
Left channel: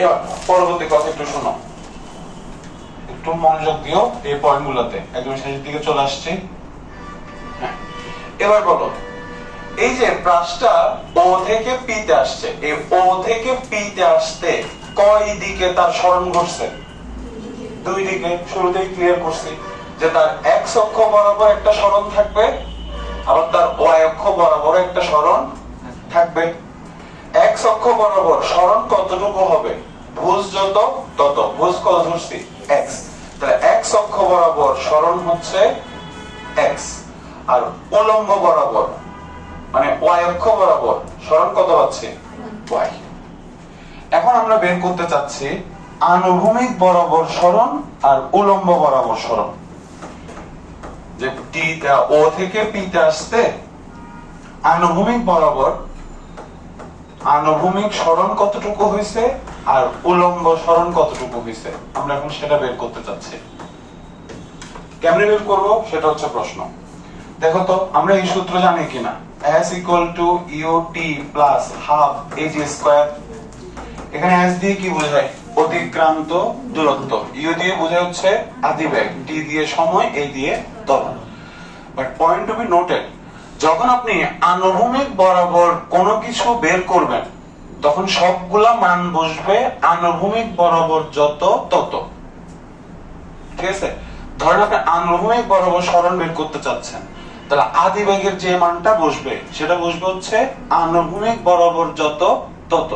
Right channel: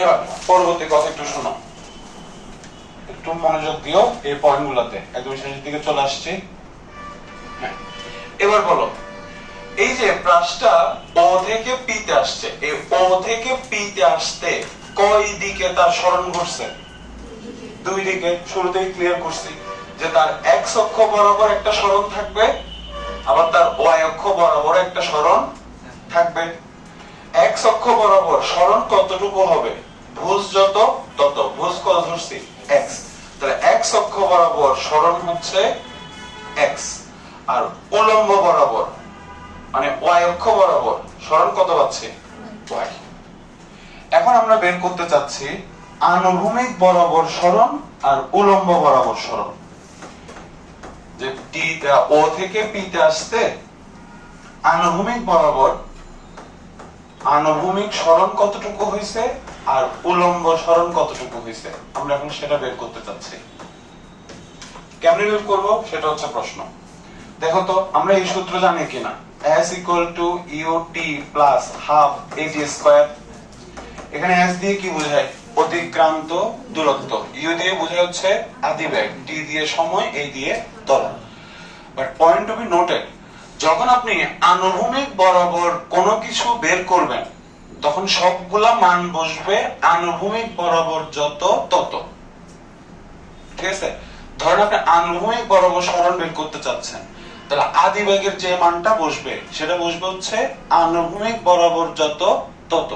এবার পরবর্তী কথা একটু শোনো, একটু মনোযোগ দিও এই পয়েন্টগুলোতে। একদম শেষের দিকে চলে আসছি। এবার বলো, এই যে প্রাসটা ও থেকে পি তে আসছে, এই ও থেকে পি তে আসতে কয় দিকে তার সরণ ঘটছে? দুই দিকে। শুরুতেই ক্লিয়ার করছি যে তার এক্স অক্ষ বরাবর একটা সরণ থাকবে, আবার তার ওয়াই অক্ষ বরাবর একটা সরণ থাকবে। এক্স অক্ষ বরাবর সরণ কতটুকু হবে? ভুজ যত তত। ভুজ কত ধরছি? এক্স। তাহলে এক্স অক্ষ বরাবর সরণ হচ্ছে এক্স, আর উলম্ব বরাবর মানে ওয়াই অক্ষ বরাবর সরণ কত পাচ্ছি? ওয়াই। এখন আমরা বের করতে চাচ্ছি আনুভূমিক বরাবর সরণ আর উলম্ব বরাবর সরণ। যে টি ও থেকে পি তে আসতে আনুভূমিক বরাবর আনুভূমিক সরণ কতটুকু হয়েছে আর উলম্ব সরণ কতটুকু হয়েছে, আমরা এখন সেটা বের করতে চাচ্ছি। কেমনে বের করব সেটা হচ্ছে প্রশ্ন। দেখো তো আমরা এই সূত্র জানি কিনা? s = ut + ½ at square. এখানে s দিয়ে কি বোঝায়? অতিক্রান্ত দূরত্ব। u দিয়ে বোঝায় হচ্ছে আদি বেগ, t দিয়ে সময়, a দিয়ে ত্বরণ। But point to be noted, যখন আপনি আনুভূমিক বরাবর কোনো কিছু বের করবেন তখন সবগুলা মান বসবে আনুভূমিক বরাবর যত তত। ঠিক আছে, ধরেন আপনি আনুভূমিক বরাবর সরণ বের করতে চাচ্ছেন, তাহলে আদি বেগের যে মানটা বসবে সেটা বসবে হচ্ছে আনুভূমিক বরাবর যত তত,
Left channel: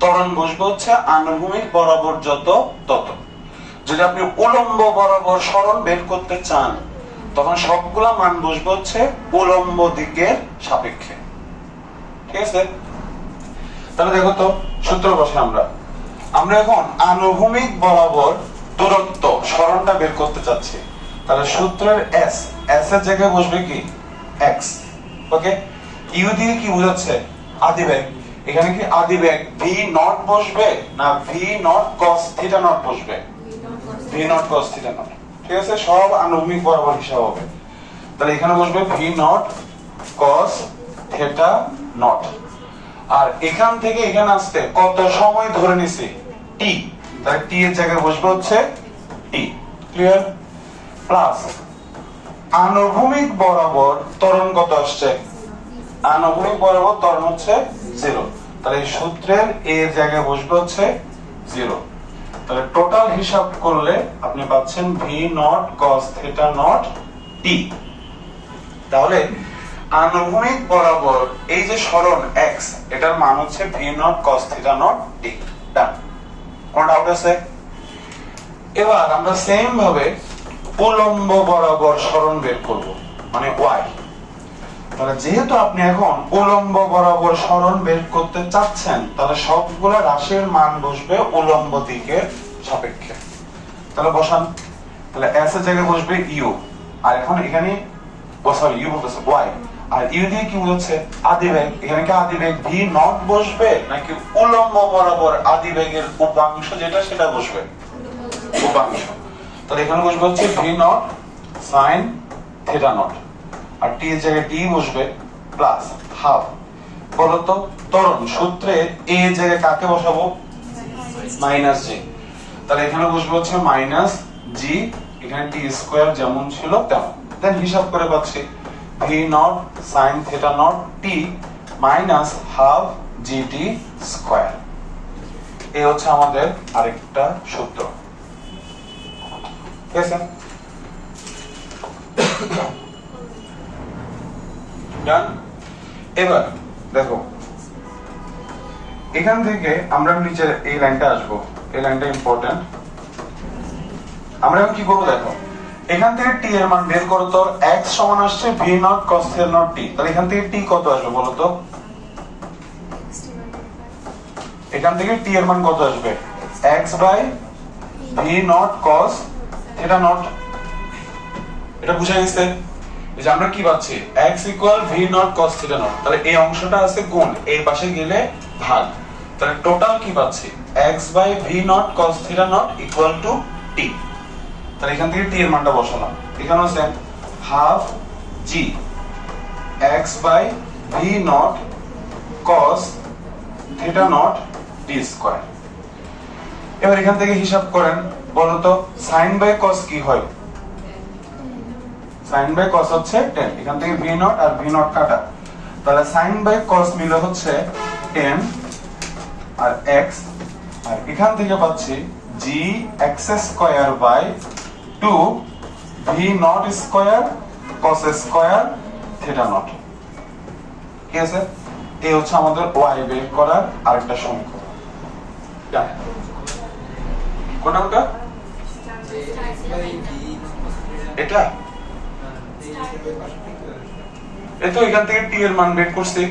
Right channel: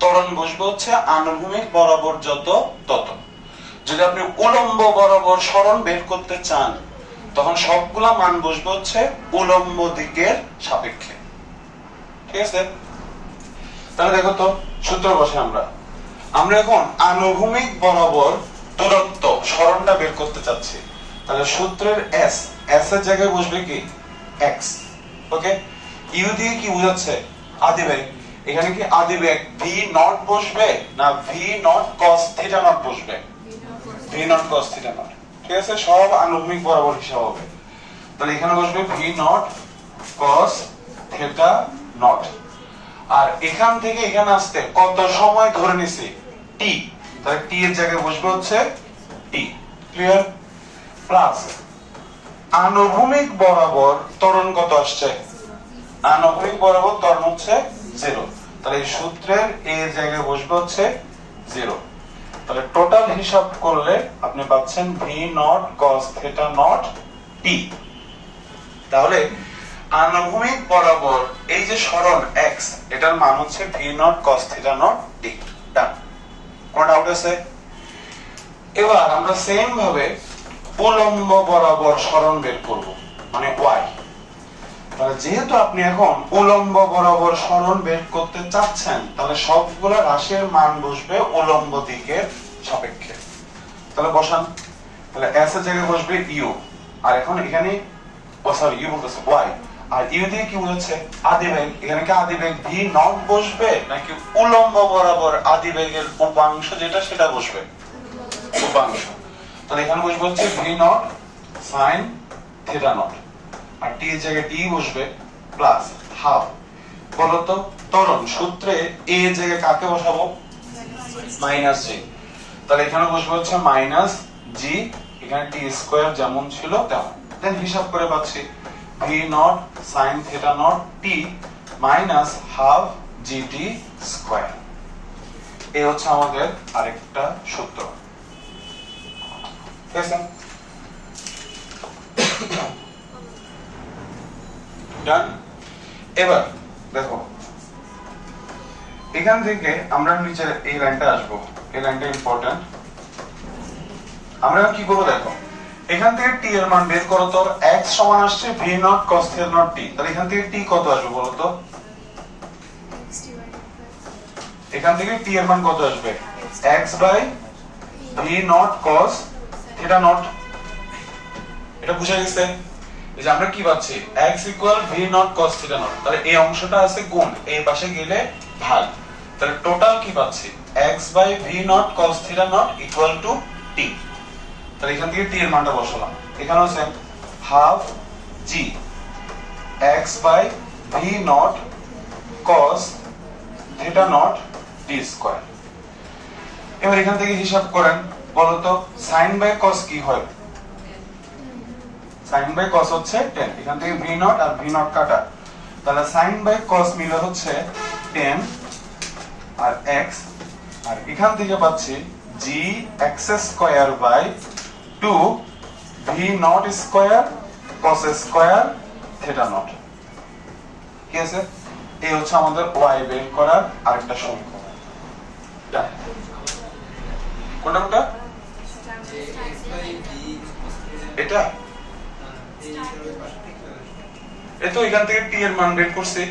ত্বরণ বসবে হচ্ছে আনুভূমিক বরাবর যত তত। যদি আপনি উলম্ব বরাবর সরণ বের করতে চান তখন সবগুলা মান বসবে হচ্ছে উলম্ব দিকের সাপেক্ষে। ঠিক আছে, তাহলে দেখো তো সূত্র বসে আমরা এখন আনুভূমিক বরাবর দূরত্ব সরণটা বের করতে চাচ্ছি, তাহলে সূত্রের এস এর জায়গায় বসবে কি এক্স। ওকে, ইউ দিয়ে কি বোঝাচ্ছে আদি বেগ, এখানে কি আদি বেগ ভি নট বসবে না V not cos theta nought বসবে? V not cos theta not. ঠিক আছে, সব আনুভূমিক বরাবর হিসাব হবে, তাহলে এখানে বসবে V not cos theta nought. আর এখান থেকে এখানে আসতে কত সময় ধরে নিছি টি, তাহলে টি এর জায়গায় বসবে হচ্ছে টি। ক্লিয়ার? প্লাস আনুভূমিক বরাবর ত্বরণ কত আসছে? আনুভূমিক বরাবর ত্বরণ হচ্ছে 0, তাহলে এই সূত্রের এ এর জায়গায় বসবে হচ্ছে 0। তাহলে টোটাল হিসাব করলে আপনি পাচ্ছেন V not cos theta nought T. তাহলে আনুভূমিক বরাবর এই যে সরণ x, এটার মান হচ্ছে V not cos theta nought T. Done, কোন ডাউট আছে? এবার আমরা সেম ভাবে উলম্ব বরাবর সরণ বের করব, মানে y। তাহলে যেহেতু আপনি এখন উলম্ব বরাবর সরণ বের করতে চাচ্ছেন, তাহলে সবগুলো রাশির মান বসবে উলম্ব দিকের সাপেক্ষে। তাহলে বসান, তাহলে s এর জায়গায় বসবে u, আর এখন এখানে ইউ বলতেছে y, আর ইউ দিয়ে কি বোঝাচ্ছে আদি বেগ, এখানে কি আদি বেগ ভি নট বসবে নাকি উলম্ব বরাবর আদি বেগের উপাংশ যেটা সেটা বসবে? উপাংশ। তাহলে এখানে বসবে হচ্ছে V nought sine theta nought, আর টি এর জায়গায় টি বসবে প্লাস হাফ। বলতো ত্বরণ সূত্রে এ এর জায়গায় কাকে বসাবো? মাইনাস জি, তাহলে এখানে বসবে হচ্ছে মাইনাস জি, এখানে টি স্কয়ার যেমন ছিল তেমন। দেন হিসাব করে পাচ্ছি V nought sine theta nought টি মাইনাস হাফ জিটি স্কয়ার। এই হচ্ছে আমাদের আরেকটা সূত্র। ঠিক আছে, ডান। এবার দেখো এখান থেকে আমরা নিচের এই লাইনটা আসবো, এই লাইনটা ইম্পর্টেন্ট। আমরা কি করবো দেখো, এখান থেকে টি এর মান বের করো তো। x সমান আসছে V not cos theta nought T, তাহলে এখান থেকে টি কত আসবে বলো তো? এখান থেকে টি এর মান কত আসবে? x by V not cos theta not. এটা বুঝা গেছে যে আমরা কি পাচ্ছি x equal V not cos theta not, তাহলে এই অংশটা আছে গুণ, এই পাশে গেলে ভাগ, তাহলে টোটাল কি পাচ্ছি x by V not cos theta nought equal to T. তাহলে এখান থেকে টি এর মানটা বসালাম, এখানেও same half G x by V not cos theta nought T square. এবার এখান থেকে হিসাব করেন, বলতো সাইন বাই কস কি হয়? সাইন বাই কস হচ্ছে 10, এখান থেকে ভি নট আর ভি নট কাটা, তাহলে সাইন বাই কস মিলে হচ্ছে 10 আর x, আর এখান থেকে পাচ্ছি G X square by 2 V not square cos square theta not. ঠিক আছে, এই হচ্ছে আমাদের y বের করার আরেকটা সমীকরণ। কোনটা? এটা এই তো এখান থেকে টি এর মান বের করছি,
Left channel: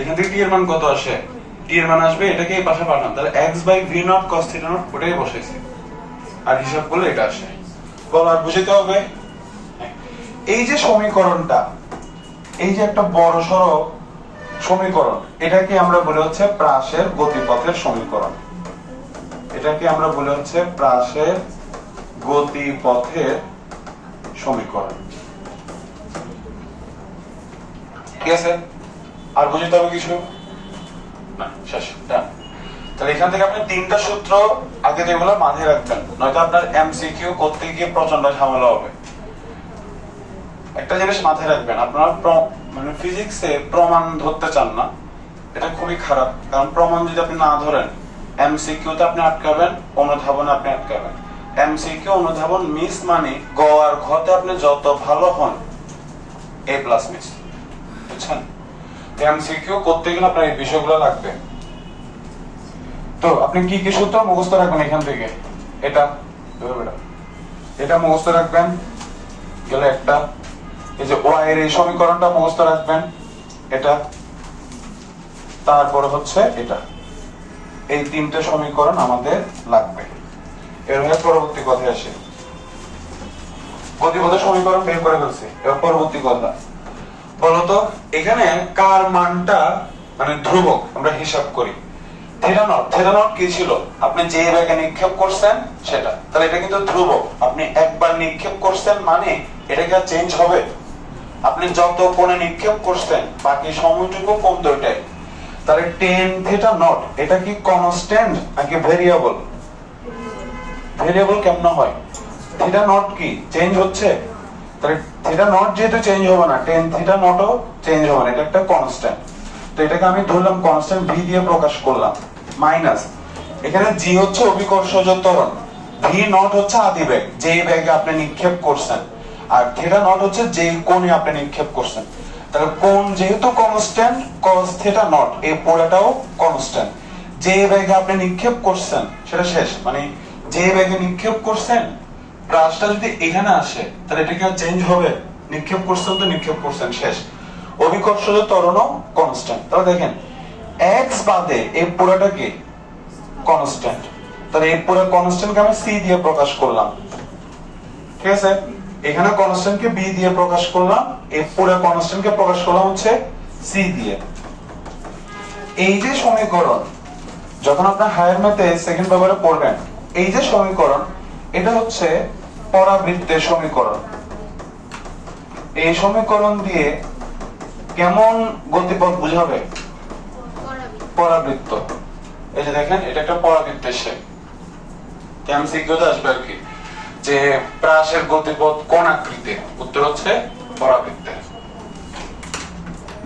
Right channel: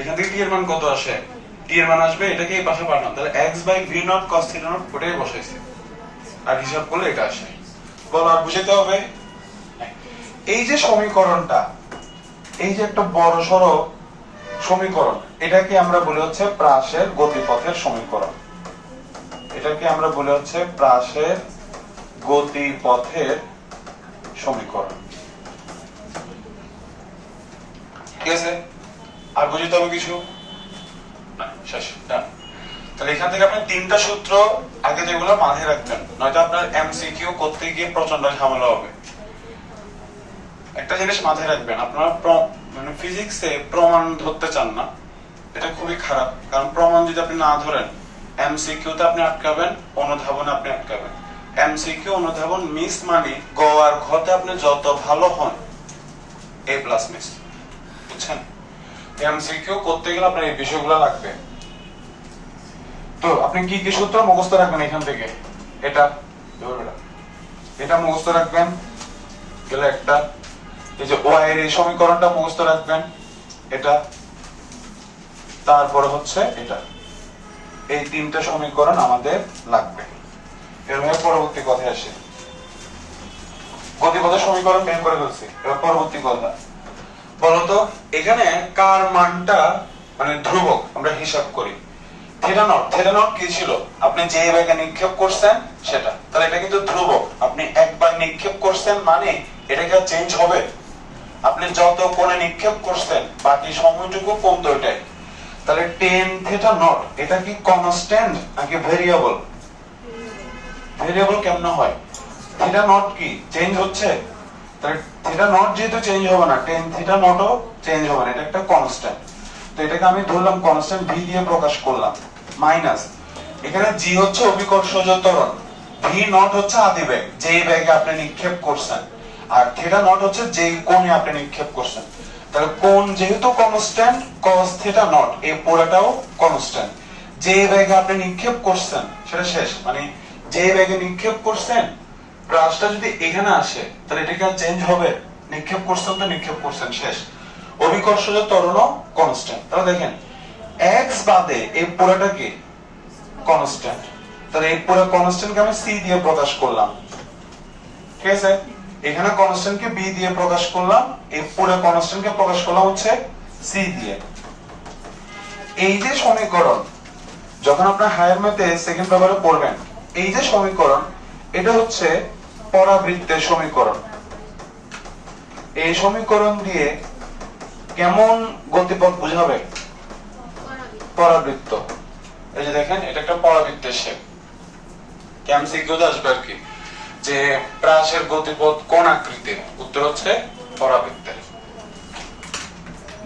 এখান থেকে টি এর মান কত আসে? টি এর মান আসবে, এটাকে এই পাশে পাঠান, তাহলে x by V not cos theta not ওটাই বসাইছি, আর হিসাব করলে এটা আসে। বল আর বুঝাইতে হবে। এই যে সমীকরণটা, এই যে একটা বড় সড়ো সমীকরণ, এটাকে আমরা বলে হচ্ছে প্রাসের গতিপথের সমীকরণ। এটাকে আমরা বলে হচ্ছে প্রাসের গতিপথের সমীকরণ। ঠিক আছে, আর বুঝতে হবে কিছু না? শেষ, ডান। তাহলে এখান থেকে আপনি তিনটা সূত্র আগে যেগুলো মাথায় রাখবেন, নয়তো আপনার এমসিকিউ করতে গিয়ে প্রচন্ড ঝামেলা হবে। একটা জিনিস মাথায় রাখবেন, আপনারা মানে ফিজিক্সে প্রমাণ ধরতে চান না, এটা খুবই খারাপ। কারণ প্রমাণ যদি আপনি না ধরেন, এমসিকিউতে আপনি আটকাবেন, অনুধাবনে আপনি আটকাবেন। এমসিকিউ অনুধাবন মিস মানে গ আর ঘতে আপনি যত ভালো হন এ প্লাস মিস, বুঝছেন? এমসিকিউ করতে গেলে আপনার এই বিষয়গুলো লাগবে। তো আপনি কি কি সূত্র মুখস্থ রাখবেন এখান থেকে? এটা এটা মুখস্থ রাখবেন, গেলে একটা এই যে ওয়াই এর এই সমীকরণটা মুখস্থ রাখবেন, এটা, তারপরে হচ্ছে এটা, এই তিনটে সমীকরণ আমাদের লাগবে। এর পরবর্তী কথায় আসে, গতিপথের সমীকরণ বের করে ফেলছি। এবার পরবর্তী কথা বলতো, এখানে কার মানটা মানে ধ্রুবক আমরা হিসাব করি। থিটা নট কি ছিল? আপনি যে বেগে নিক্ষেপ করছেন সেটা, তাহলে এটা কিন্তু ধ্রুবক। আপনি একবার নিক্ষেপ করছেন মানে এটা কি চেঞ্জ হবে? আপনি যত কোণে নিক্ষেপ করছেন বাকি সময়টুকু কোণ দুইটাই। তাহলে টেন থিটা নট এটা কি কনস্ট্যান্ট নাকি ভেরিয়েবল? ভেরিয়েবল কেমন হয়? থিটা নট কি চেঞ্জ হচ্ছে? তাহলে থিটা নট যেহেতু চেঞ্জ হবে না, টেন থিটা নটও চেঞ্জ হবে না, এটা একটা কনস্ট্যান্ট। তো এটাকে আমি ধরলাম কনস্ট্যান্ট, ভি দিয়ে প্রকাশ করলাম, মাইনাস এখানে জি হচ্ছে অভিকর্ষজ ত্বরণ, ভি নট হচ্ছে আদিবেগ, যেই বেগে আপনি নিক্ষেপ করছেন, আর থিটা নট হচ্ছে যেই কোণে আপনি নিক্ষেপ করছেন। তাহলে কোণ যেহেতু কনস্ট্যান্ট, cos থিটা নট এই পুরোটাও কনস্ট্যান্ট। যে বেগে আপনি নিক্ষেপ করছেন সেটা শেষ, মানে যে বেগে নিক্ষেপ করছেন ব্রাশটা যদি এখানে আসে তাহলে এটা কি আর চেঞ্জ হবে? নিক্ষেপ করছেন তো নিক্ষেপ করছেন, শেষ। অভিকর্ষজ ত্বরণও কনস্ট্যান্ট। তাহলে দেখেন এক্স বাদে এই পুরোটা কি কনস্ট্যান্ট, তাহলে এই পুরো কনস্ট্যান্টকে আমি সি দিয়ে প্রকাশ করলাম, ঠিক আছে? এখানে কনস্ট্যান্টকে বি দিয়ে প্রকাশ করলাম, এই পুরো কনস্ট্যান্টকে প্রকাশ করলাম হচ্ছে সি দিয়ে। এই যে সমীকরণ যখন আপনার হায়ার ম্যাথে সেকেন্ড পেপারে পড়বেন, এই যে সমীকরণ এটা হচ্ছে পরাবৃত্তের সমীকরণ। এই সমীকরণ দিয়ে কেমন গতিপথ বুঝাবে? পরাবৃত্ত। এই যে দেখেন এটা একটা পরাবৃত্তের শেপ। এমসিকিউতে আসবে আর কি যে প্রাসের গতিপথ কোন আকৃতির? উত্তর হচ্ছে পরাবৃত্তের।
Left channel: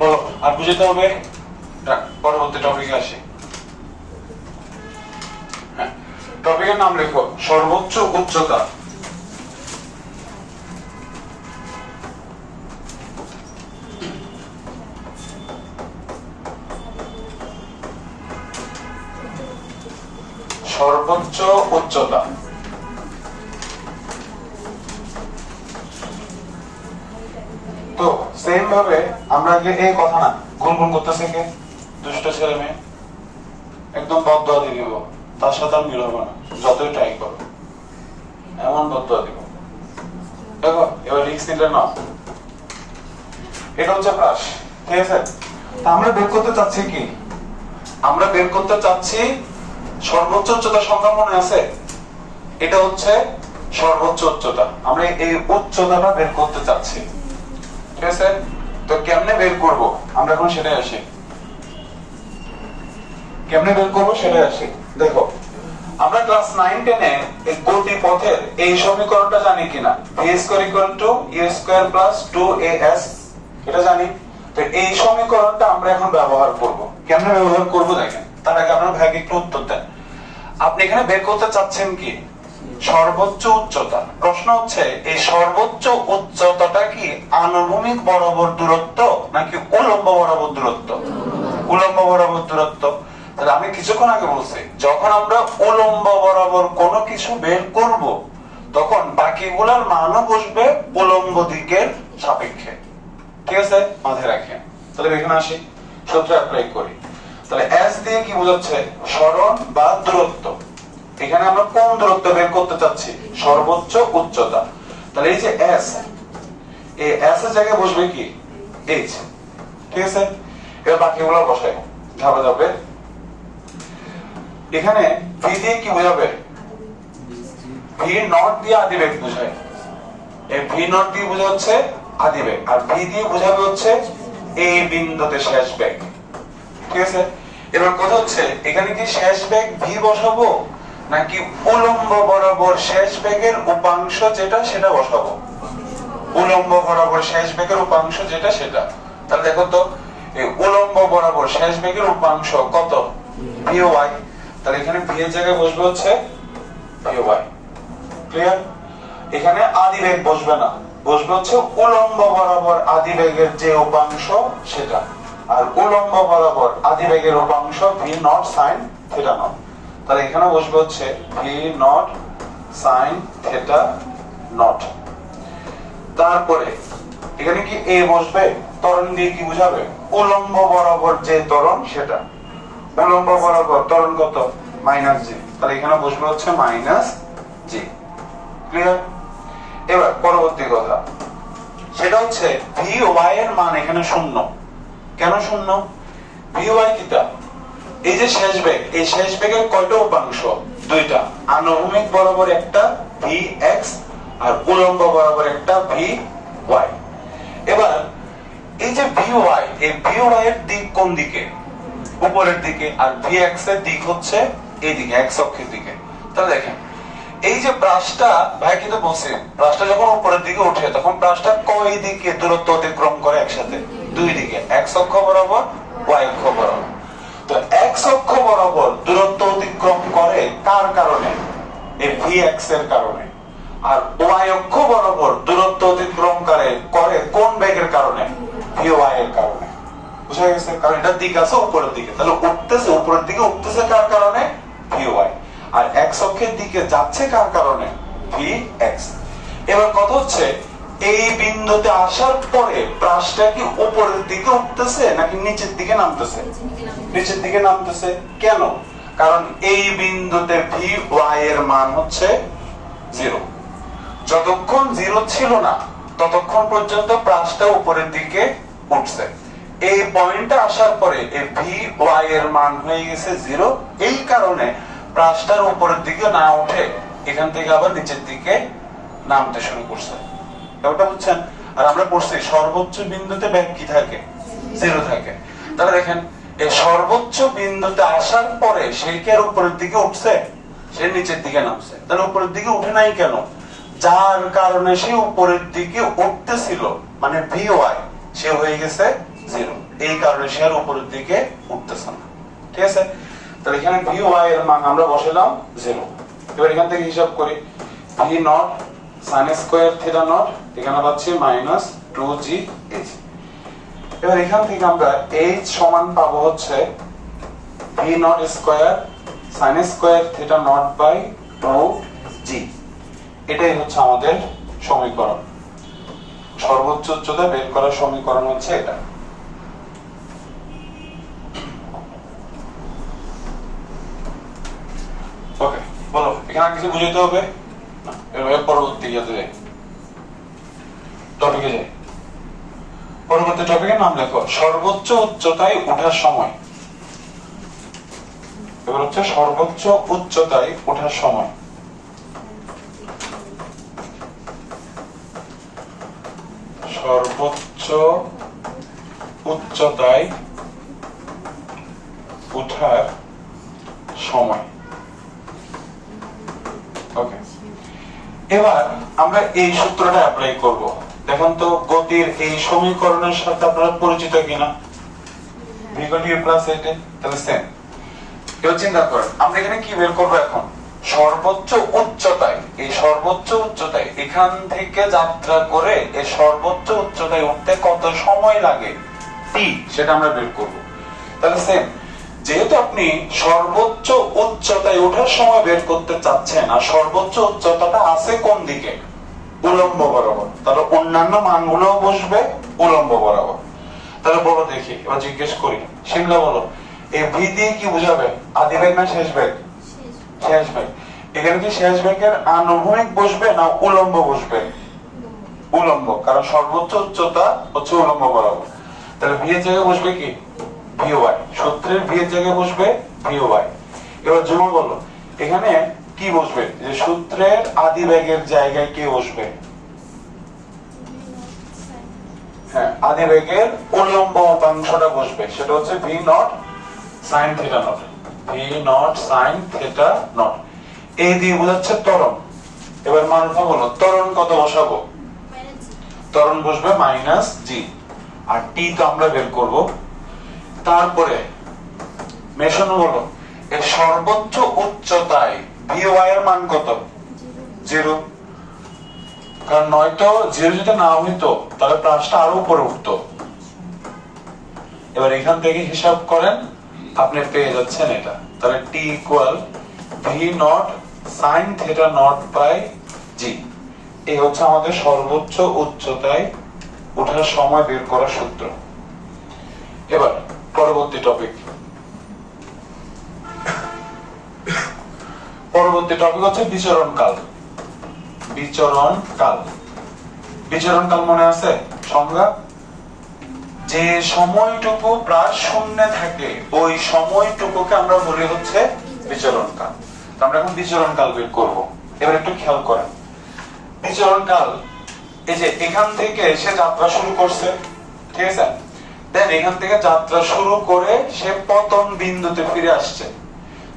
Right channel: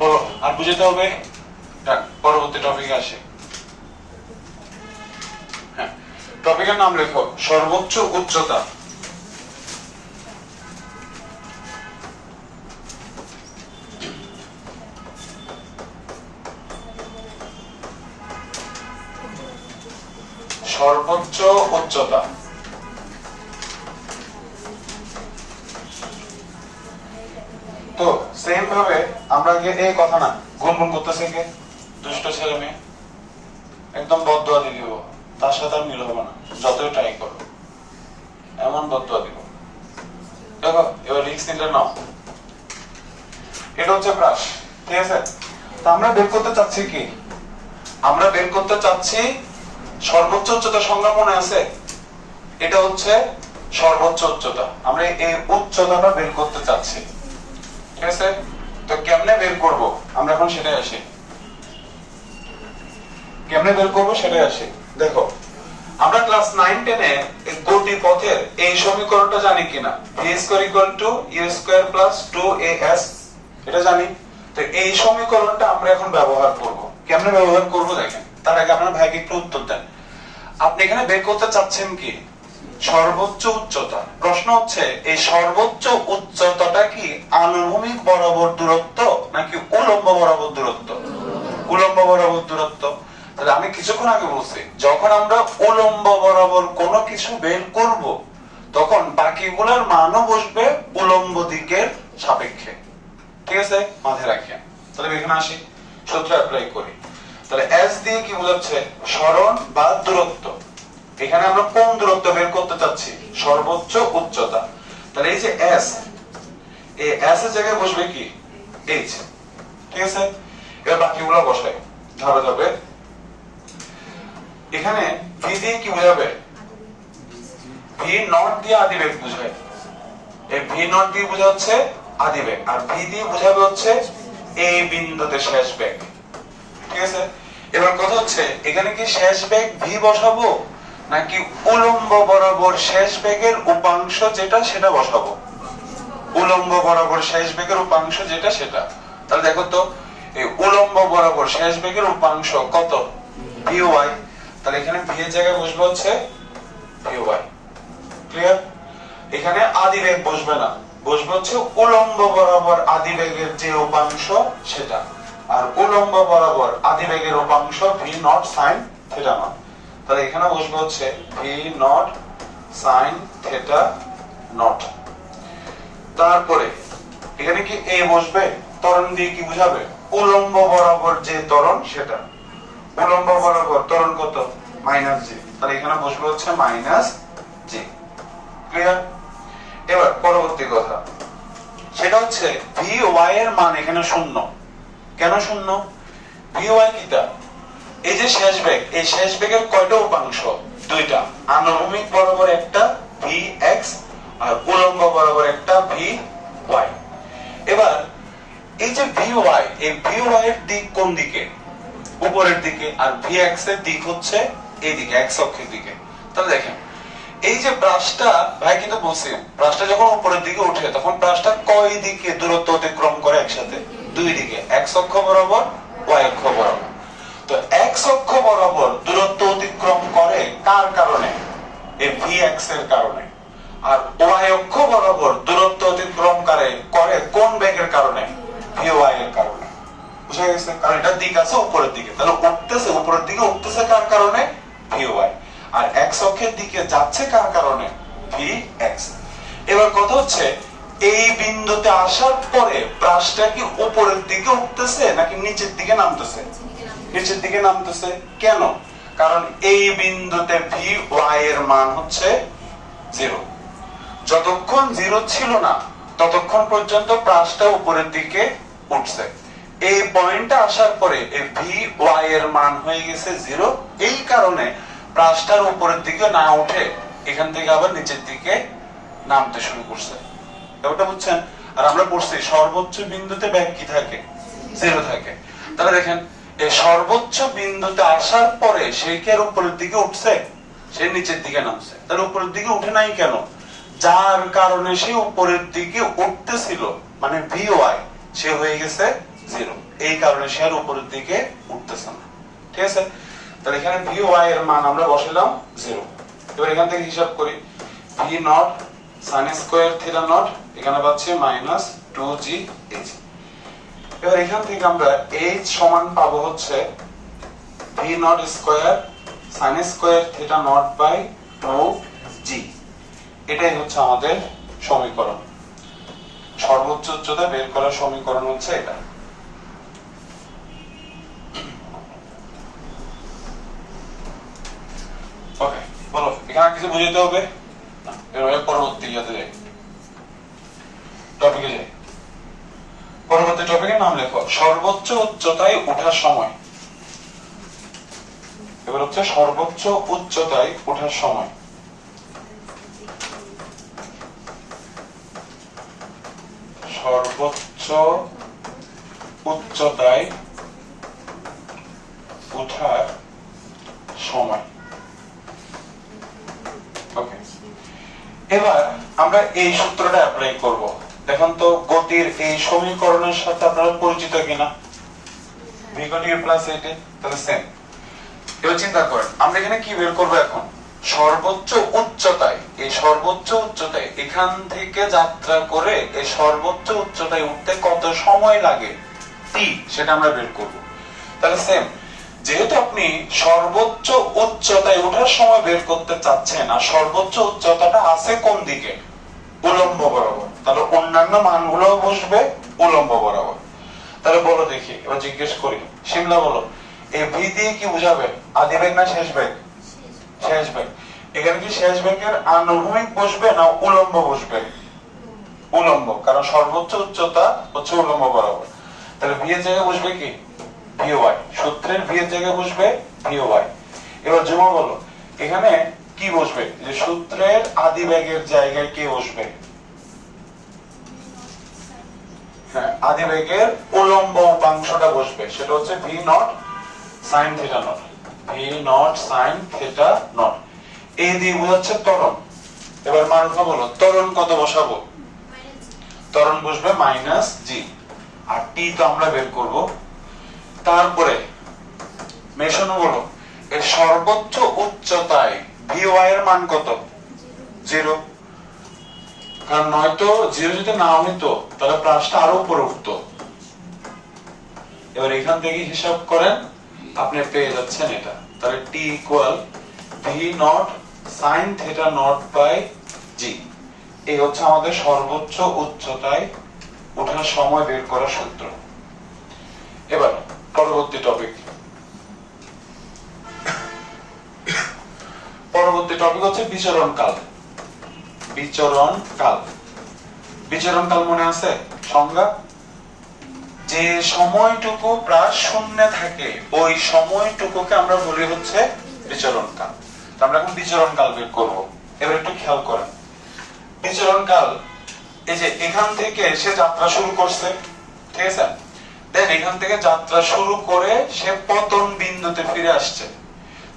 বলো আর বুঝতে হবে। পরবর্তী টপিকে আসি। হ্যাঁ, টপিকের নাম লেখো সর্বোচ্চ উচ্চতা। সর্বোচ্চ উচ্চতা। তো সেম ভাবে আমরা আগে এই কথা না গুনগুন করতেছে কে? দুষ্ট ছেলে মেয়ে, একদম বদদোয়া দিয়ে দিব, তার সাথে আর মিল হবে না যতই ট্রাই করো, এমন বদদোয়া দিব। দেখো এবার রিস্ক নিলে না, এটা হচ্ছে প্রাস, ঠিক আছে? তা আমরা বের করতে চাচ্ছি কি? আমরা বের করতে চাচ্ছি সর্বোচ্চ উচ্চতা। সংখ্যা মনে আছে? এটা হচ্ছে সর্বোচ্চ উচ্চতা। আমরা এই উচ্চতাটা বের করতে চাচ্ছি, ঠিক আছে? তো কেমনে বের করব আমরা এখন সেটাই আসি। কেমনে বের করব সেটাই আসি। দেখো আমরা ক্লাস 9 10 এ এই গতিপথের এই সমীকরণটা জানি কিনা? v = u² + 2as, এটা জানি। তো এই সমীকরণটা আমরা এখন ব্যবহার করব। কেমনে ব্যবহার করব দেখেন। তার আগে আপনারা ভাইকে একটু উত্তর দেন। আপনি এখানে বের করতে চাচ্ছেন কি? সর্বোচ্চ উচ্চতা। প্রশ্ন হচ্ছে এই সর্বোচ্চ উচ্চতাটা কি আনুভূমিক বরাবর দূরত্ব নাকি উলম্ব বরাবর দূরত্ব? উলম্ব বরাবর দূরত্ব। তাহলে আমি কিছুক্ষণ আগে বলছি যখন আমরা উলম্ব বরাবর কোনো কিছু বের করব তখন বাকিগুলোর মানও বসবে উলম্ব দিকের সাপেক্ষে, ঠিক আছে? মাথায় রাখেন। তাহলে এখানে আসি, সূত্র অ্যাপ্লাই করি। তাহলে s দিয়ে কি বোঝাচ্ছে? সরণ বা দূরত্ব। এখানে আমরা কোন দূরত্ব বের করতে চাচ্ছি? সর্বোচ্চ উচ্চতা। তাহলে এই যে s, এই s এর জায়গায় বসবে কি? h, ঠিক আছে? এবার বাকিগুলো বসাই ধাপে ধাপে। এখানে v দিয়ে কি বোঝাবে? v নট দিয়ে আদিবেগ বোঝায়। এই v নট দিয়ে বোঝা হচ্ছে আদিবেগ, আর v দিয়ে বোঝাবে হচ্ছে এই বিন্দুতে শেষ বেগ, ঠিক আছে? এবার কথা হচ্ছে এখানে কি শেষ বেগ v বসাবো নাকি উলম্ব বরাবর শেষ বেগের উপাংশ যেটা সেটা বসাবো? উলম্ব বরাবর শেষ বেগের উপাংশ যেটা সেটা। তাহলে দেখো তো এই উলম্ব বরাবর শেষ বেগের উপাংশ কত? V Y. তাহলে এখানে ভি এর জায়গায় বসবে হচ্ছে ভি ওয়াই। ক্লিয়ার? এখানে আদি বেগ বসবে না, বসবে হচ্ছে উলম্ব বরাবর আদি বেগের যে উপাংশ সেটা। আর উলম্ব বরাবর আদি বেগের উপাংশ V nought sine theta not. তাহলে এখানে বসবে হচ্ছে V nought sine theta not. তারপরে এখানে কি এ বসবে? ত্বরণ দিয়ে কি বুঝাবে? উলম্ব বরাবর যে ত্বরণ সেটা। উলম্ব বরাবর ত্বরণ কত? মাইনাস জি। তাহলে এখানে বসবে হচ্ছে মাইনাস জি। ক্লিয়ার? এবার পরবর্তী কথা, সেটা হচ্ছে ভি ওয়াই এর মান এখানে শূন্য। কেন শূন্য? ভি ওয়াই কিটা? এই যে শেষ বেগ, এই শেষ বেগের কয়টা উপাংশ? দুইটা। আনুভূমিক বরাবর একটা ভি এক্স আর উলম্ব বরাবর একটা ভি ওয়াই। এবার এই যে ভি ওয়াই, এই ভি ওয়াই এর দিক কোন দিকে? উপরের দিকে। আর ভি এক্স এর দিক হচ্ছে এইদিকে, এক্স অক্ষের দিকে। তাহলে দেখেন এই যে ব্রাশটা, ভাই কিন্তু বলছি ব্রাশটা যখন উপরের দিকে উঠে তখন ব্রাশটা কয় দিকে দূরত্ব অতিক্রম করে? একসাথে দুই দিকে, এক্স অক্ষ বরাবর ওয়াই অক্ষ বরাবর। তো এক্স অক্ষ বরাবর দূরত্ব অতিক্রম করে কার কারণে? এই ভি এক্স এর কারণে। আর ওয়াই অক্ষ বরাবর দূরত্ব অতিক্রম করে কোন বেগের কারণে? ভি ওয়াই এর কারণে। বুঝা গেছে? কারণ এটা দিক আছে উপরের দিকে, তাহলে উঠতেছে উপরের দিকে, উঠতেছে কার কারণে? V Y. আর এক্স অক্ষের দিকে যাচ্ছে কার কারণে? V x. এবার কথা হচ্ছে এই বিন্দুতে আসার পরে ব্রাশটা কি উপরের দিকে উঠতেছে নাকি নিচের দিকে নামতেছে? নিচের দিকে নামতেছে। কেন? কারণ এই বিন্দুতে ভি ওয়াই এর মান হচ্ছে 0। যতক্ষণ 0 ছিল না ততক্ষণ পর্যন্ত ব্রাশটা উপরের দিকে উঠছে। এই পয়েন্টে আসার পরে এই ভি ওয়াই এর মান হয়ে গেছে 0। এই কারণে ব্রাশটার উপরের দিকে না উঠে এখান থেকে আবার নিচের দিকে নামতে শুরু করছে। ব্যাপারটা বুঝছেন? আর আমরা পড়ছি সর্বোচ্চ বিন্দুতে বেগ কি থাকে? 0 থাকে। তাহলে দেখেন এই সর্বোচ্চ বিন্দুতে আসার পরে সে কি আর উপরের দিকে উঠছে? সে নিচের দিকে নামছে। তাহলে উপরের দিকে উঠে নাই কেন? যার কারণে সে উপরের দিকে উঠতেছিল মানে ভি ওয়াই, সে হয়ে গেছে 0। এই কারণে সে আর উপরের দিকে উঠতেছে না। ঠিক আছে? তাহলে এখানে ভি ওয়াই এর মান আমরা বসালাম 0। এবার এখান থেকে হিসাব করি, V nought sign square theta not এখানে পাচ্ছি মাইনাস 2g h। এবার এখান থেকে আমরা h সমান পাবো হচ্ছে V not square sine square theta not by 2g। এটাই হচ্ছে আমাদের সমীকরণ। সর্বোচ্চ উচ্চতা বের করার সমীকরণ হচ্ছে এটা। ওকে, বলো এখানে কিছু বুঝাইতে হবে না? এর পরবর্তী টপিকে যাই। পরবর্তী টপিকের নাম লেখো সর্বোচ্চ উচ্চতায় ওঠার সময়। এবার হচ্ছে সর্বোচ্চ উচ্চতায় ওঠার সময়। সর্বোচ্চ উচ্চতায় ওঠার সময়। ওকে, এবার আমরা এই সূত্রটা অ্যাপ্লাই করব। দেখুন তো গতির এই সমীকরণের সাথে আপনারা পরিচিত কিনা? v = a+8। তাহলে সেম। এবার চিন্তা করেন আমরা এখানে কি বের করব এখন? সর্বোচ্চ উচ্চতায়, এই সর্বোচ্চ উচ্চতায় এখান থেকে যাত্রা করে এই সর্বোচ্চ উচ্চতায় উঠতে কত সময় লাগে t, সেটা আমরা বের করব। তাহলে সেম, যেহেতু আপনি সর্বোচ্চ উচ্চতায় ওঠার সময় বের করতে চাচ্ছেন আর সর্বোচ্চ উচ্চতাটা আছে কোন দিকে? উলম্ব বরাবর। তাহলে অন্যান্য মানগুলো বসবে উলম্ব বরাবর। তাহলে বলো দেখি, এবার জিজ্ঞেস করি, শিমলা বলো এই ভি দিয়ে কি বুঝাবে? আদি বেগ না শেষ বেগ? শেষ বেগ। এখানে কি শেষ বেগের আনুভূমিক বসবে না উলম্ব বসবে? উলম্ব, কারণ সর্বোচ্চ উচ্চতা হচ্ছে উলম্ব বরাবর। তাহলে ভি এর জায়গায় বসবে কি? V Y. সূত্রের ভি এর জায়গায় বসবে ভি ওয়াই। এবার জুমা বলো এখানে কি বসবে? যে সূত্রের আদি বেগের জায়গায় কি বসবে? হ্যাঁ, আদি বেগের উলম্ব উপাংশটা বসবে, সেটা হচ্ছে V nought sine theta not. V nought sine theta not. এই দিয়ে বোঝাচ্ছে ত্বরণ। এবার মানটা বলো ত্বরণ কত বসাবো? ত্বরণ বসবে মাইনাস জি, আর টি তো আমরা বের করব। তারপরে মেশানো হলো এর সর্বোচ্চ উচ্চতায় ভিওয়াই এর মান কত? 0, কারণ নয়তো 0 যদি না হইতো তাহলে প্রাসটা আরো উপরে উঠতো। এবার এখান থেকে হিসাব করেন, আপনি পেয়ে যাচ্ছেন এটা। তাহলে T equal V nought sine theta not by G. এই হচ্ছে আমাদের সর্বোচ্চ উচ্চতায় ওঠার সময় বের করার সূত্র। এবার পরবর্তী টপিক হচ্ছে বিচরণ কাল। বিচরণ কাল মনে আছে সংজ্ঞা? যে সময়টুকু প্রাস শূন্যে থাকে ওই সময়টুকুকে আমরা বলি হচ্ছে বিচরণ কাল। আমরা এখন বিচরণ কাল বের করব। এবার একটু খেয়াল করেন, বিচরণ কাল এই যে এখান থেকে সে যাত্রা শুরু করছে, ঠিক আছে? দেন এখান থেকে যাত্রা শুরু করে সে পতন বিন্দুতে ফিরে আসছে।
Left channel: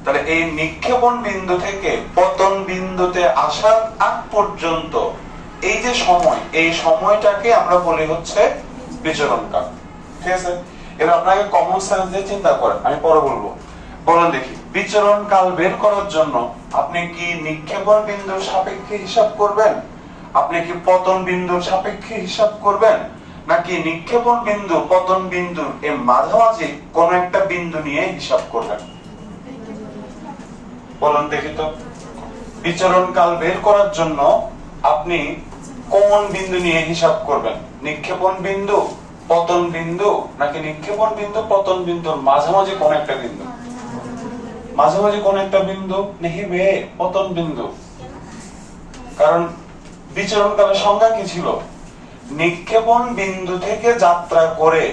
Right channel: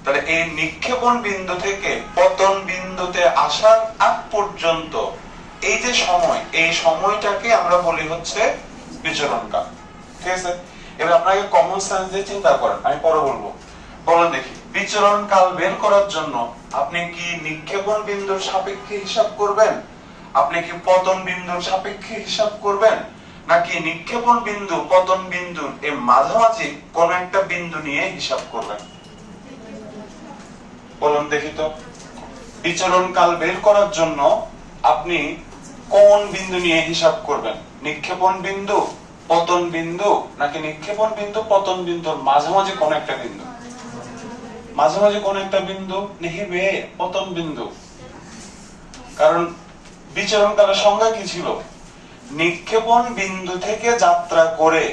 তাহলে এই নিক্ষেপণ বিন্দু থেকে পতন বিন্দুতে আসার আগ পর্যন্ত এই যে সময়, এই সময়টাকে আমরা বলি হচ্ছে বিচরণ কাল, ঠিক আছে? এবার আপনাকে কমন সেন্স দিয়ে চিন্তা করেন, আমি পরে বলবো। বলেন দেখি, বিচরণ কাল বের করার জন্য আপনি কি নিক্ষেপণ বিন্দুর সাপেক্ষে হিসাব করবেন, আপনি কি পতন বিন্দুর সাপেক্ষে হিসাব করবেন, নাকি নিক্ষেপণ বিন্দু পতন বিন্দুর এই মাঝামাঝি কোন একটা বিন্দু নিয়ে হিসাব করবেন? বলুন দেখি তো, বিচরণ কাল বের করার জন্য আপনি কোন বিন্দু নিয়ে হিসাব করবেন? নিক্ষেপণ বিন্দু, পতন বিন্দু, নাকি নিক্ষেপণ বিন্দু পতন বিন্দুর মাঝামাঝি কোন একটা বিন্দু? মাঝামাঝি কোন একটা বিন্দু নিহিবে পতন বিন্দু। কারণ বিচরণ কালের সংজ্ঞা কি ছিল? নিক্ষেপণ বিন্দু থেকে যাত্রা করে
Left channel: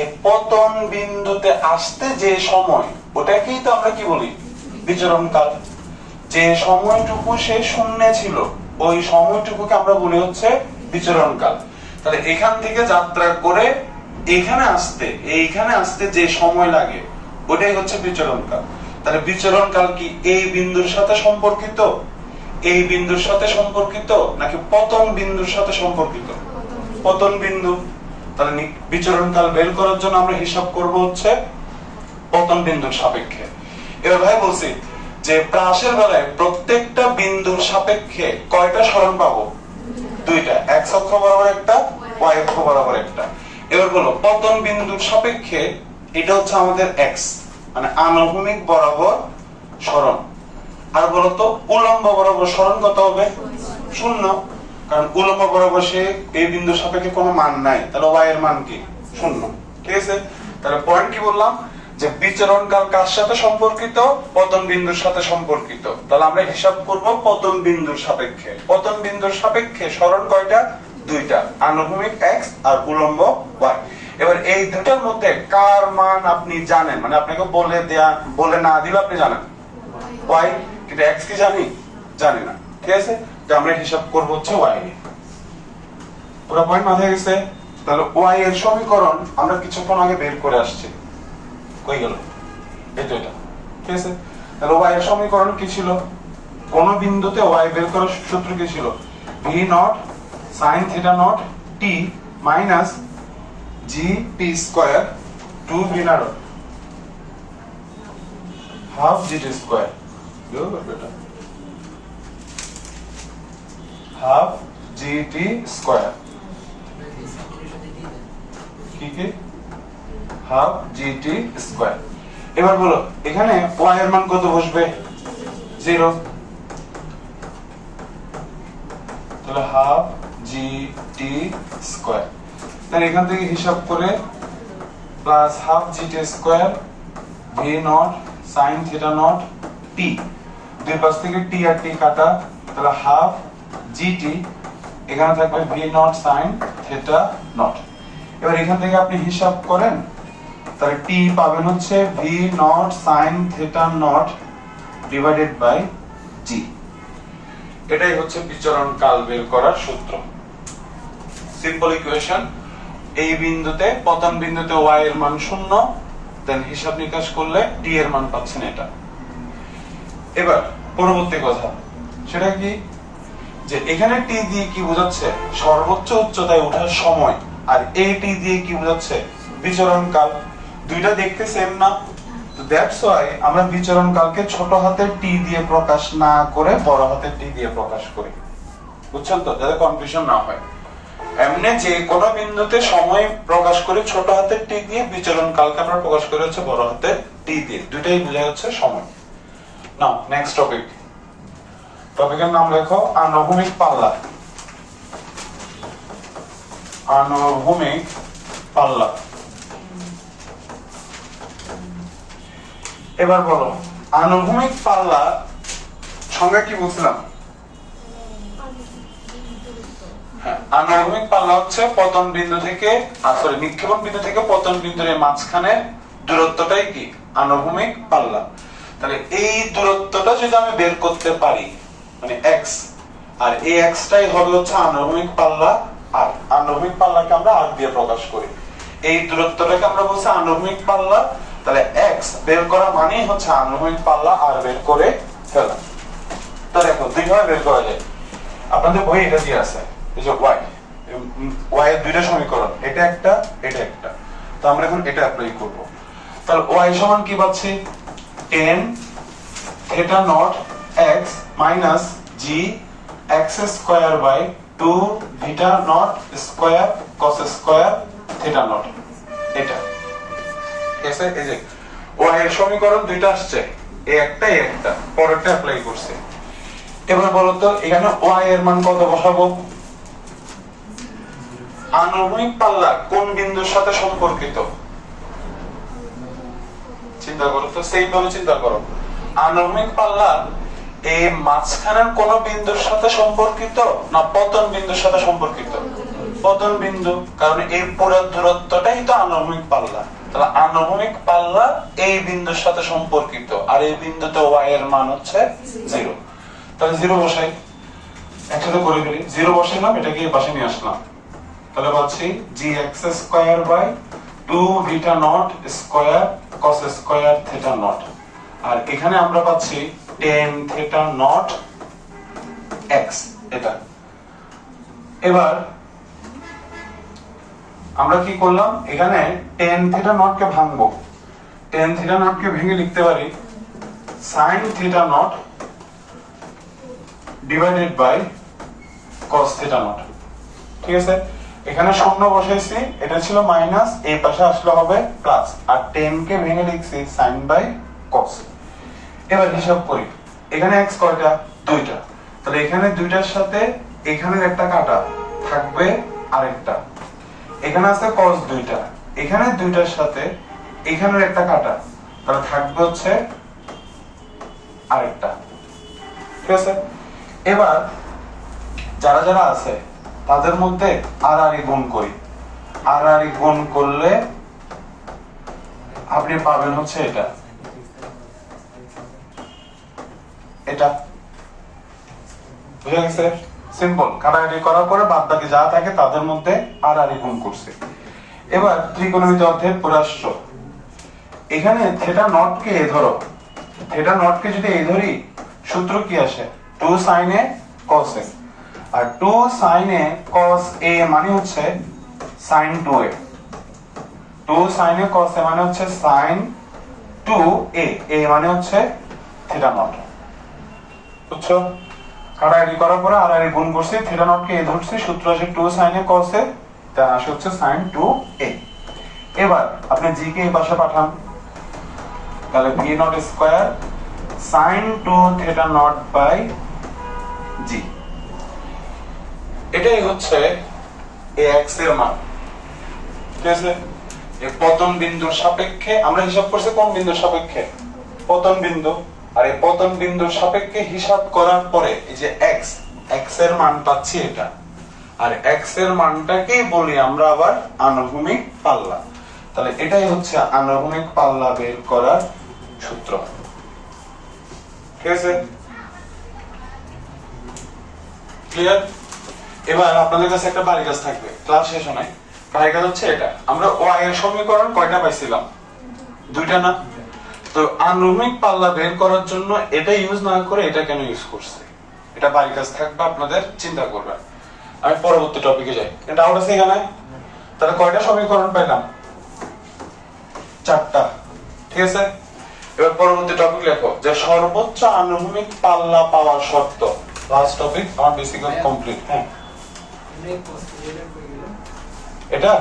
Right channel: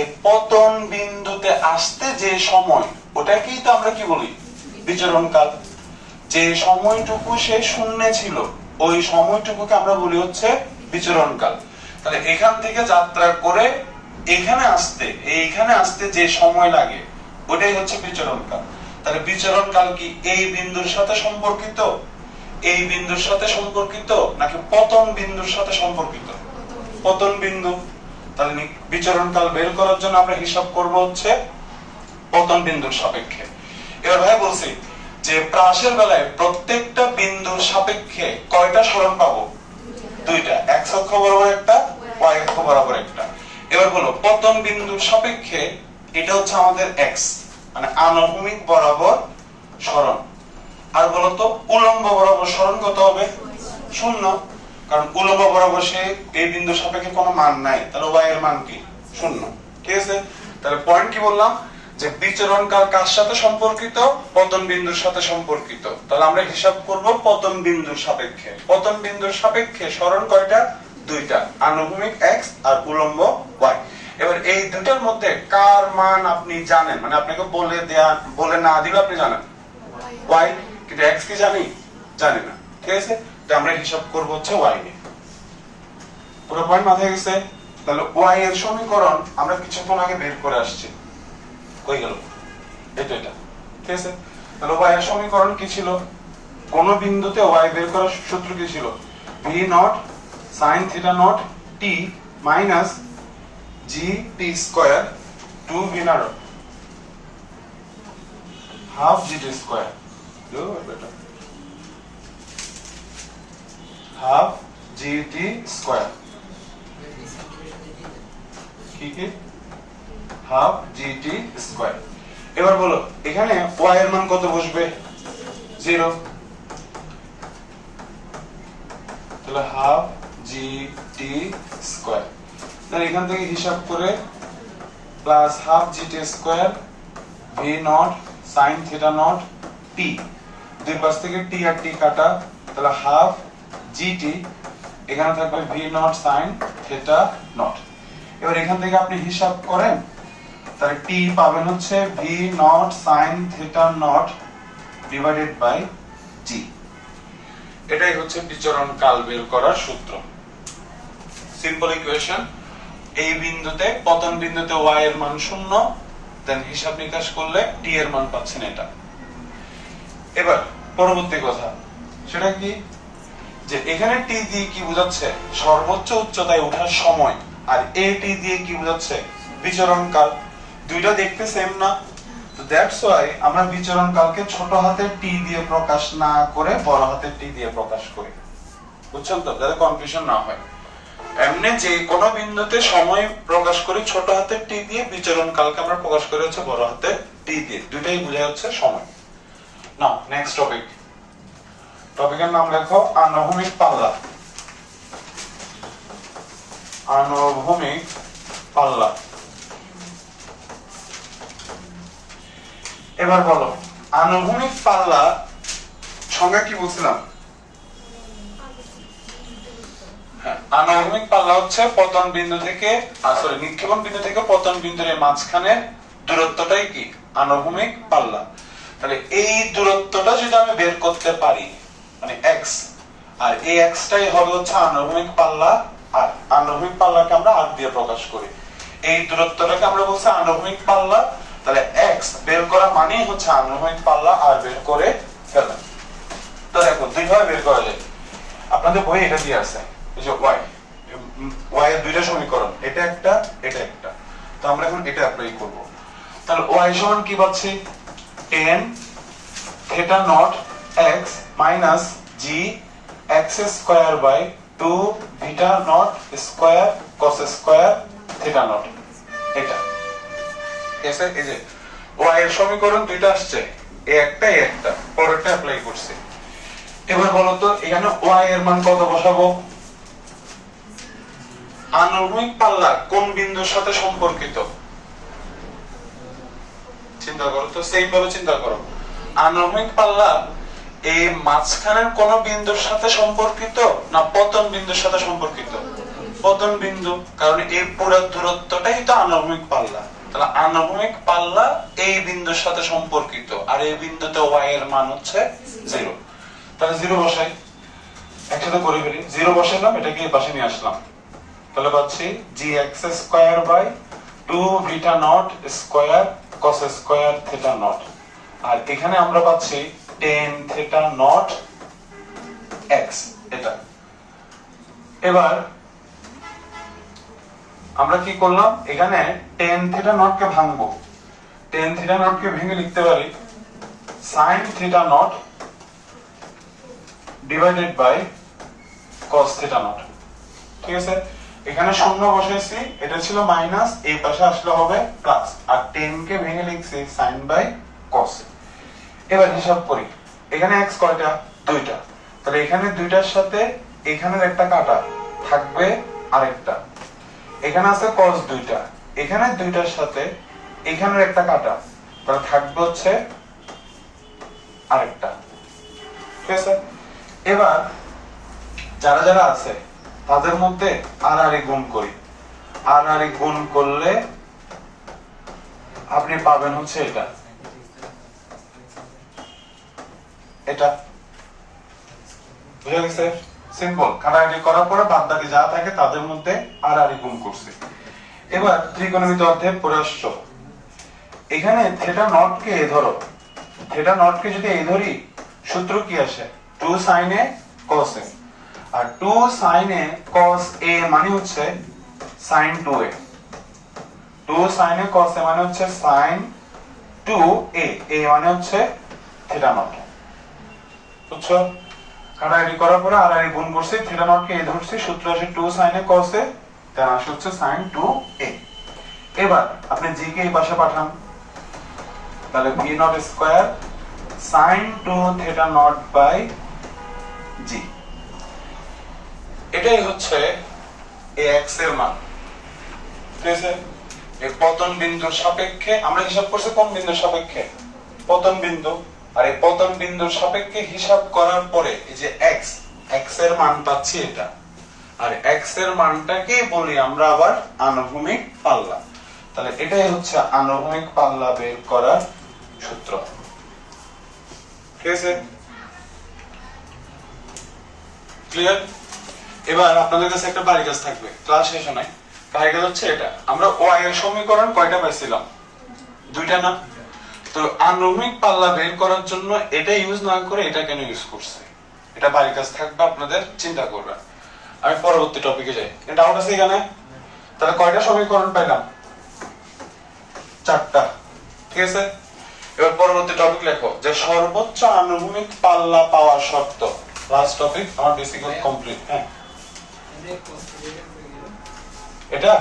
এই পতন বিন্দুতে আসতে যে সময়, ওটাকেই তো আমরা কি বলি? বিচরণ কাল। যে সময়টুকু সে শূন্যে ছিল ওই সময়টুকুকে আমরা বলি হচ্ছে বিচরণ কাল। তাহলে এখান থেকে যাত্রা করে এইখানে আসতে যে সময় লাগে ওটাই হচ্ছে বিচরণ কাল। তাহলে বিচরণ কাল কি এই বিন্দুর সাথে সম্পর্কিত, এই বিন্দুর সাথে সম্পর্কিত, নাকি পতন বিন্দুর সাথে সম্পর্কিত? পতন বিন্দু। তাহলে বিচরণ কাল বের করার জন্য আমরা হিসাব করব হচ্ছে পতন বিন্দুর সাপেক্ষে। এবার ভাই বলছি যে প্রাসের বেলায় প্রত্যেকটা বিন্দুর সাপেক্ষে কয়টা সরণ পাবো? দুইটা, x অক্ষ বরাবর একটা, y অক্ষ বরাবর একটা। এবার বলো পতন বিন্দুর সাপেক্ষে এটা হচ্ছে আমাদের x, মানে আনুভূমিক বরাবর সরণ। আর বলতো উলম্ব বরাবর সরণ কত হবে? 0, কারণ উলম্ব বরাবর সে এই বিন্দুর সাপেক্ষে কোনো মান নাই, তাহলে y এর মান কি? 0, ঠিক আছে? তাহলে পয়েন্ট কি বললাম যে বিচরণ কাল কার সাথে সম্পর্কিত? পতন বিন্দুর সাথে সম্পর্কিত। তাহলে আমরা হিসাব করব পতন বিন্দুর সাপেক্ষে। পতন বিন্দুর সাপেক্ষে সরণ কয়টা? দুইটা, আনুভূমিক x আর উলম্ব y। এবার এই দুটার মধ্যে কার মান আপনি জানেন, মানে আপনাকে বলে না দিলে আপনি জানেন y, কিন্তু x কি জানি না, ঠিক আছে? তো আমরা হিসাব করব হচ্ছে y নিয়ে। পুরো পয়েন্ট মাথায় গেছে? তাহলে y এর সমীকরণ আমরা কিছুক্ষণ আগে বের করে আসছি। কই গেল? এটা, ঠিক আছে? তাহলে y এর সমীকরণ কি ছিল? কোন বিন্দুতে y বের করার সূত্র কি ছিল? v not sin theta not t minus gt square 2 v not half gt square, half gt square, ঠিক আছে? Half gt square. এবার বলো এখানে y এর মান কত বসবে? 0, তাহলে হাফ gt স্কয়ার। তাহলে এখান থেকে হিসাব করে plus half gt square v not sin theta not t, দুই পাশ থেকে t আর t কাটা, তাহলে হাফ gt, এখানে থাকবে v not sin theta not. এবার এখান থেকে আপনি হিসাব করেন, তাহলে t পাবেন হচ্ছে v not sin theta not divided by g। এটাই হচ্ছে বিচরণ কাল বের করার সূত্র। Simple equation. এই বিন্দুতে পতন বিন্দুতে y এর মান 0, দেন হিসাব নিকাশ করলে t এর মান পাচ্ছেন এটা। এবার পরবর্তী কথা, সেটা কি? যে এখানে টি দিয়ে কি বোঝাচ্ছে সর্বোচ্চ উচ্চতায় ওঠার সময়, আর এই টি দিয়ে কি বোঝাচ্ছে বিচরণ কাল। দুইটা দেখতে সেম না, তো দ্যাটস ওয়াই আমরা বিচরণ কালকে ছোট হাতের টি দিয়ে প্রকাশ না করে বড় হাতের টি দিয়ে প্রকাশ করি। বুঝছেন তো, যাতে কনফিউশন না হয়। এমনি যে কোনো বিন্দুতে সময় প্রকাশ করে ছোট হাতের টি দিয়ে, বিচরণ কালকে আমরা প্রকাশ করে হচ্ছে বড় হাতের টি দিয়ে, দুইটাই বোঝায় হচ্ছে সময়। নাও নেক্সট টপিক। টপিকের নাম লেখো আনুভূমিক পাল্লা। আনুভূমিক পাল্লা। এবার বলো আনুভূমিক পাল্লা সংজ্ঞা কি বলছিলাম? আনুভূমিক পাল্লা হচ্ছে পতন বিন্দু থেকে সরি নিক্ষেপণ বিন্দু থেকে পতন বিন্দুর মাঝখানে দূরত্বটাই কি আনুভূমিক পাল্লা। তাহলে এই দূরত্বটা যদি আমি বের করতে পারি মানে x, আর এই x টাই হবে হচ্ছে আনুভূমিক পাল্লা, আর আনুভূমিক পাল্লাকে আমরা r দিয়ে প্রকাশ করি। এই দূরত্বটাকে আমরা বলছি আনুভূমিক পাল্লা। তাহলে x বের করা মানেই হচ্ছে আনুভূমিক পাল্লা r বের করে ফেলা। তো দেখো দুই ভাবে বের করা যায়। আপনাদের বইয়ে এটা দিয়ে আছে, এই যে y এর দুইটা সমীকরণ, এটা একটা এটা একটা। তো আমরা এখন এটা অ্যাপ্লাই করব। তাহলে y সমান কি পাচ্ছি, tan theta naught x minus g x square by 2 theta naught square cos square theta naught। এটা ঠিক আছে, এই যে y এর সমীকরণ দুইটা আসছে, এই একটা এই একটা, পরেরটা অ্যাপ্লাই করছে। এবার বলো তো এখানে y এর মান কত বসাবো? আনুভূমিক পাল্লা কোন বিন্দুর সাথে সম্পর্কিত চিন্তা করো তো, সেইভাবে চিন্তা করো। আনুভূমিক পাল্লা এই মাঝখানের কোন বিন্দুর সাথে সম্পর্কিত না পতন বিন্দুর সাথে সম্পর্কিত? পতন বিন্দু, কারণ এই পুরো দূরত্বটাই তো আনুভূমিক পাল্লা। তাহলে আনুভূমিক পাল্লা এই বিন্দুর সাথে সম্পর্কিত, আর এই বিন্দুতে y এর মান হচ্ছে 0। তাহলে 0 বসাই, একসাথে করে ফেলি। 0 বসাইলাম, এটাকে এই পাশে নিয়ে আসলাম। তাহলে পাচ্ছি gx square by 2 beta nought square cos square theta nought, আর এখানে আমরা পাচ্ছি tan থিটা নট x। এটা এবার আমরা কি করলাম, এখানে tan থিটা নট কে ভাঙবো। tan থিটা নট কে ভেঙে লিখতে পারি sin theta not divided by cos theta not. ঠিক আছে, এখানে শূন্য বসাইছি, এটা ছিল মাইনাস, এই পাশে আসলে হবে প্লাস, আর 10 কে ভেঙে লিখছি sin বাই cos। এবার হিসাব করি, এখানে x কয়টা? দুইটা। তাহলে এখানে দুইটার সাথে এখানের একটা কাটা থাকবে আরেকটা। এখানে আছে cos দুইটা, এখানে দুইটার সাথে এখানের একটা কাটা, তাহলে থাকবে হচ্ছে আরেকটা। ঠিক আছে, এবার যারা যারা আছে তাদের মধ্যে আর গুণ করি। আর গুণ করলে আপনি পাবেন হচ্ছে এটা এটা। বুঝা গেছে? সিম্পল। কাটাকাটি করার পরে বাদ বাকি যা থাকে তাদের মধ্যে আর গুণ করছে। এবার ত্রিকোণমিতি অধ্যায়ের প্রশ্ন, এখানে থিটা নট কে ধরো, থিটা নট কে যদি এই ধরি, সূত্র কি আসে? 2 sin a cos a, R 2 sin a cos a মানে হচ্ছে sin 2a। 2 sin a cos a মানে হচ্ছে sin 2a, a মানে হচ্ছে থিটা নট। বুঝছো? কাটাকাটি করার পরে আর গুণ করছি, থিটা নট কে a ধরছি, সূত্র আসে 2 sin a cos a, তার আসে হচ্ছে sin 2a। এবার আপনি g কে এই পাশে পাঠান, তাহলে v not square sin 2 theta not by g। এটাই হচ্ছে এই x এর মান। ঠিক আছে, এই পতন বিন্দুর সাপেক্ষে আমরা হিসাব করছি কোন বিন্দুর সাপেক্ষে? পতন বিন্দু। আর এই পতন বিন্দুর সাপেক্ষে হিসাব করার পরে এই যে x এর মান পাচ্ছি এটা, আর x এর মানটাকেই বলি আমরা আবার আনুভূমিক পাল্লা। তাহলে এটাই হচ্ছে আনুভূমিক পাল্লা বের করার সূত্র। ঠিক আছে, ক্লিয়ার? এবার আপনাদের কাছে একটা বাড়ি কাজ থাকবে, ক্লাস শেষ হয়। বাড়ি কাজ হচ্ছে এটা, আমরা y এর সমীকরণ কয়টা পাইছিলাম? দুইটা না? তো আনুভূমিক পাল্লা বের করার জন্য এটা ইউজ না করে এটা কেন ইউজ করছে? এটা বাড়ির কাছে থাকবে, আপনাদের চিন্তা করবেন। আমি পরবর্তী টপিকে যাই। ডাউট আছে এখানে? তাহলে কয়টা সমীকরণ পাইলাম? 4টা। ঠিক আছে, এবার পরবর্তী টপিক লেখো যে সর্বোচ্চ আনুভূমিক পাল্লা পাওয়ার শর্ত। লাস্ট টপিক, আমার বেসিক্যাল কমপ্লিট। হ্যাঁ, এটা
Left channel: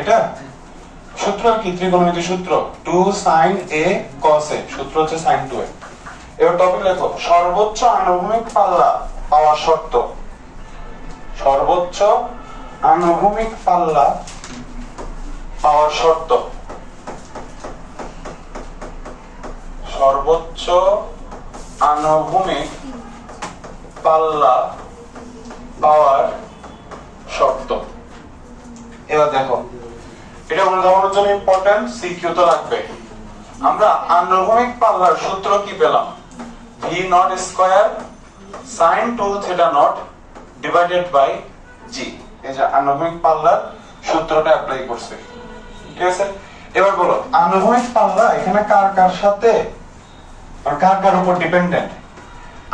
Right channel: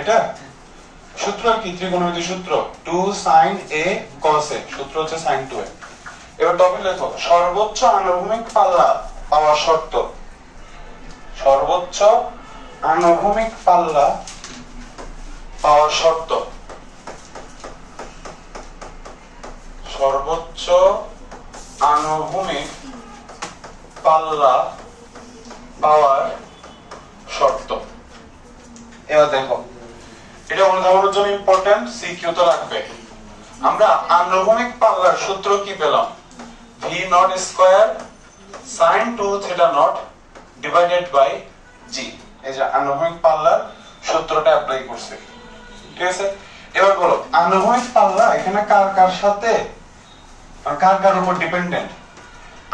এটা সূত্র কি? ত্রিকোণমিতির সূত্র 2 sin a cos a, সূত্র হচ্ছে sin 2a। এবার টপিক লেখো সর্বোচ্চ আনুভূমিক পাল্লা পাওয়ার শর্ত। সর্বোচ্চ আনুভূমিক পাল্লা পাওয়ার শর্ত। সর্বোচ্চ আনুভূমিক পাল্লা পাওয়ার শর্ত। এবার দেখো, এটা মনে রাখার জন্য ইম্পর্টেন্ট, সিকিউ তো লাগবে। আমরা আনুভূমিক পাল্লার সূত্র কি পেলাম? v not square sin 2 theta not divided by g। এই যে আনুভূমিক পাল্লার সূত্রটা অ্যাপ্লাই করছে। ঠিক আছে, এবার বলো আনুভূমিক পাল্লা এখানে কার কার সাথে, কার কার উপর ডিপেন্ডেন্ট?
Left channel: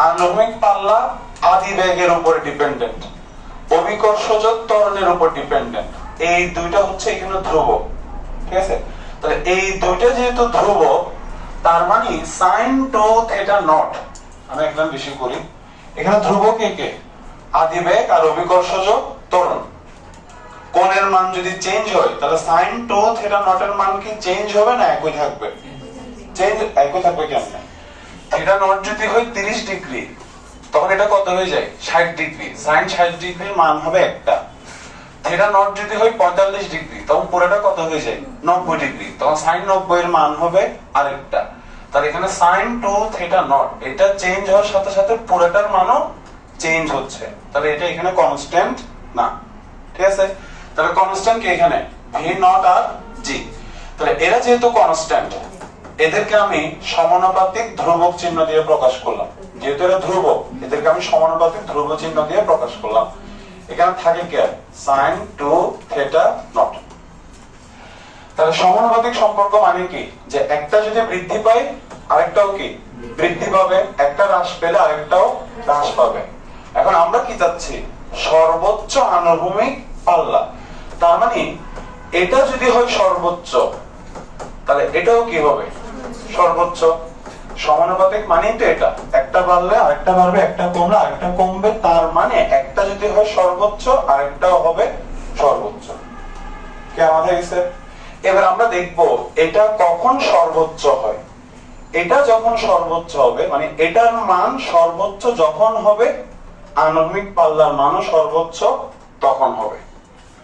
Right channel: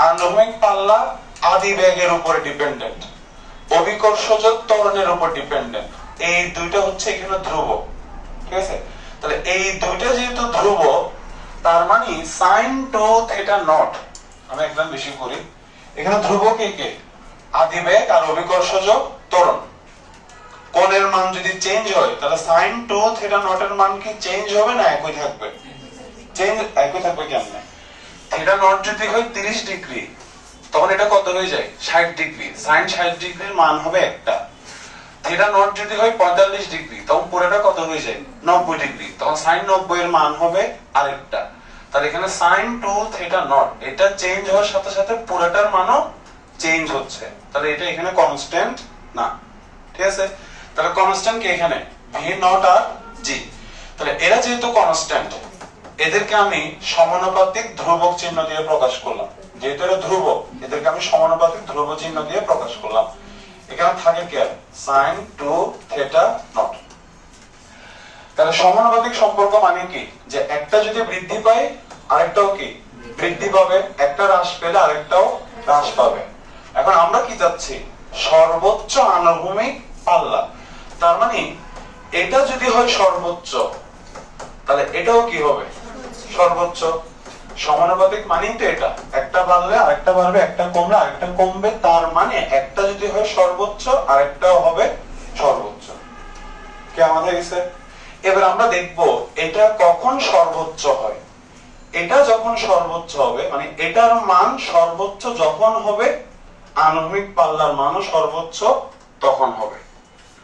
আনুভূমিক পাল্লা আদিবেগের উপর ডিপেন্ডেন্ট, অভিকর্ষজ ত্বরণের উপর ডিপেন্ডেন্ট। এই দুইটা হচ্ছে এখানে ধ্রুব। ঠিক আছে, তাহলে এই দুইটা যেহেতু ধ্রুব, তার মানে sin 2 থিটা নট, আমি একদম বেশি করি, এখানে ধ্রুব কে কে? আদিবেগ আর অভিকর্ষজ ত্বরণ। কোণের মান যদি চেঞ্জ হয় তাহলে sin 2 থিটা নট এর মান কি চেঞ্জ হবে না একই থাকবে? চেঞ্জ একই থাকবে কেমনে? থিটা নট যদি হয় 30 ডিগ্রি, তখন এটা কত হয়ে যায়? 60 ডিগ্রি। sin 60 ডিগ্রির মান হবে একটা। থিটা নট যদি হয় 45 ডিগ্রি, তখন পুরোটা কত হয়ে যায়? 90 ডিগ্রি। তখন sin 90 এর মান হবে আরেকটা। তাহলে এখানে sin 2 থিটা নট এটা চেঞ্জ হওয়ার সাথে সাথে পুরোটার মানও চেঞ্জ হচ্ছে। তাহলে এটা এখানে কনস্ট্যান্ট না। ঠিক আছে, তাহলে কনস্ট্যান্ট কি এখানে? v নট আর g। তাহলে এরা যেহেতু কনস্ট্যান্ট, এদেরকে আমি সমানুপাতিক ধ্রুবক চিহ্ন দিয়ে প্রকাশ করলাম। যেহেতু এরা ধ্রুবক, এদেরকে আমি সমানুপাতিক ধ্রুব চিহ্ন দিয়ে প্রকাশ করলাম। এখানে থাকে কি? sin 2 theta not. তাহলে সমানুপাতিক সম্পর্ক মানে কি? যে একটা যদি বৃদ্ধি পায় আরেকটাও কি বৃদ্ধি পাবে, একটা হ্রাস পেলে আরেকটাও হ্রাস পাবে। এখন আমরা কি চাচ্ছি? সর্বোচ্চ আনুভূমিক পাল্লা। তার মানে এটা যদি হয় সর্বোচ্চ, তাহলে এটাও কি হবে? সর্বোচ্চ। সমানুপাতিক মানে তো এটা, একটা বাড়লে আরেকটা বাড়বে, একটা কমলে আরেকটা কমবে। তার মানে একটা যদি হয় সর্বোচ্চ আরেকটাও হবে সর্বোচ্চ। কি আমাদের গেছে? এবার আমরা দেখব এটা কখন সর্বোচ্চ হয়। এটা যখন সর্বোচ্চ হবে, মানে এটার মান সর্বোচ্চ যখন হবে, আনুভূমিক পাল্লার মানও সর্বোচ্চ তখন হবে,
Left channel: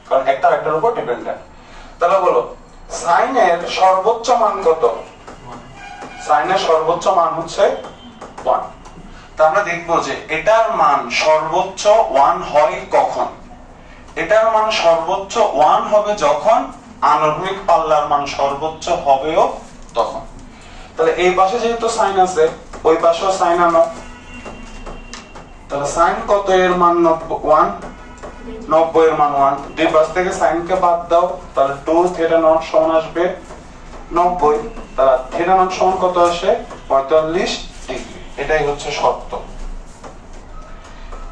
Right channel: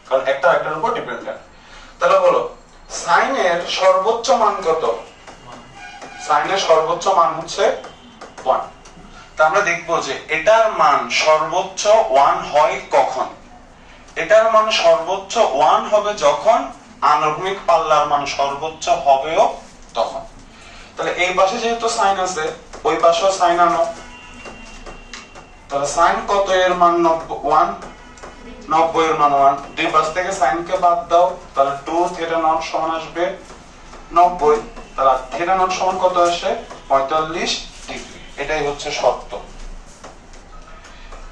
কারণ একটা একটার উপর ডিপেন্ডেন্ট। তাহলে বলো সাইন এর সর্বোচ্চ মান কত? সাইন এর সর্বোচ্চ মান হচ্ছে 1। তা আমরা দেখবো যে এটার মান সর্বোচ্চ 1 হয় কখন? এটার মান সর্বোচ্চ 1 হবে যখন আনুভূমিক পাল্লার মান সর্বোচ্চ হবেও তখন। তাহলে এই পাশে যেহেতু সাইন আছে, ওই পাশেও সাইন আনো। তাহলে সাইন কত এর মান? 1। 90 এর মান 1। দুই পাশ থেকে সাইন কে বাদ দাও, তাহলে 2 থিটা নট সমান আসবে 90। তাহলে থিটা নট সমান কত আসে? 45 ডিগ্রি। এটাই হচ্ছে শর্ত।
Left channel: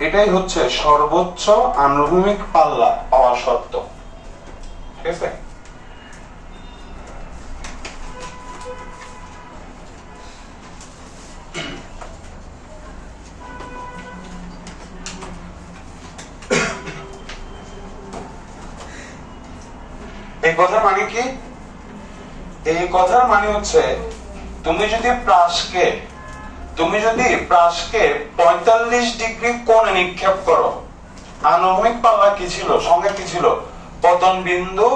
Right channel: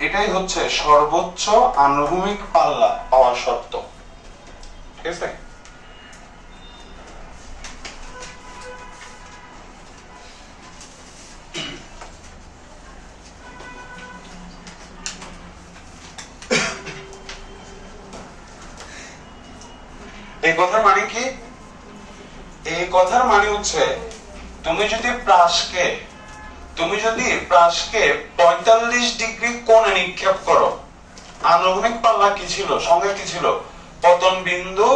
এটাই হচ্ছে সর্বোচ্চ আনুভূমিক পাল্লা পাওয়ার শর্ত। ঠিক আছে, এই কথার মানে কি? এই কথার মানে হচ্ছে তুমি যদি প্রাসকে 45 ডিগ্রি কোণে নিক্ষেপ করো, আনুভূমিক পাল্লা কি ছিল? সঙ্গে কি ছিল? পতন বিন্দু,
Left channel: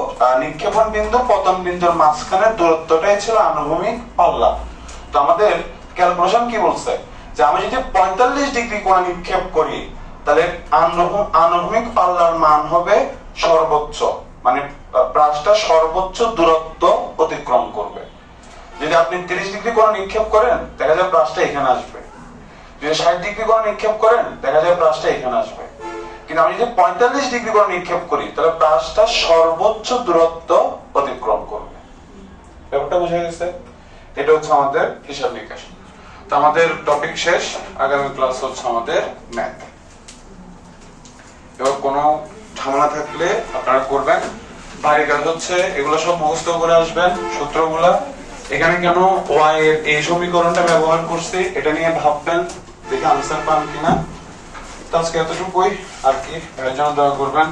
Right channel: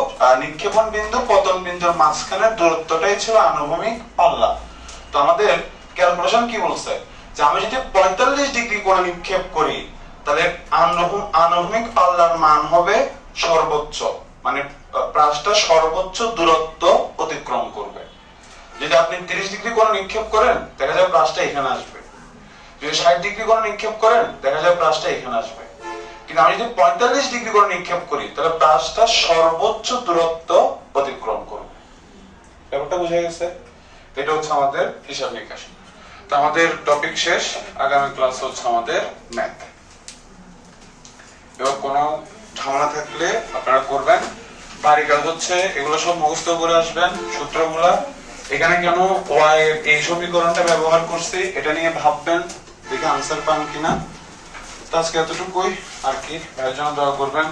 নিক্ষেপণ বিন্দু, পতন বিন্দুর মাঝখানের দূরত্বটাই ছিল আনুভূমিক পাল্লা। তো আমাদের ক্যালকুলেশন কি বলছে? যে আমি যদি 45 ডিগ্রি কোণে নিক্ষেপ করি, তাহলে আনুভূমিক পাল্লার মান হবে সর্বোচ্চ, মানে প্রাসটা সর্বোচ্চ দূরত্ব অতিক্রম করবে। যদি আপনি 30 ডিগ্রি কোণে নিক্ষেপ করেন, দেখা যাবে প্রাসটা এখানে আসবে। যদি 60 ডিগ্রি কোণে নিক্ষেপ করেন, দেখা যাবে প্রাসটা এখানে আসবে। কিন্তু আমি যদি 45 ডিগ্রি কোণে নিক্ষেপ করি, তাহলে প্রাসটা সর্বোচ্চ দূরত্ব অতিক্রম করবে। ব্যাপারটা বুঝা গেছে? এটা হচ্ছে আমাদের হিসাব নিকাশ। তো আমাদের টপিক শেষ, আগামী ক্লাস হচ্ছে আমাদের ম্যাথ। এবার কোনো ঝামেলা থাকলে আপনারা করবেন। বাড়ি কাজ হচ্ছে এগুলো সব মুখস্থ করে আসবেন সূত্রগুলা। এখানে কেন ওয়াই এর এই সমীকরণটা ব্যবহার করছি এটা নিয়ে ভাববেন, দেখে আনসার পান কিনা। তো আজকে এতটুকুই আর কি, ভাইয়ের জন্য দোয়া করবেন।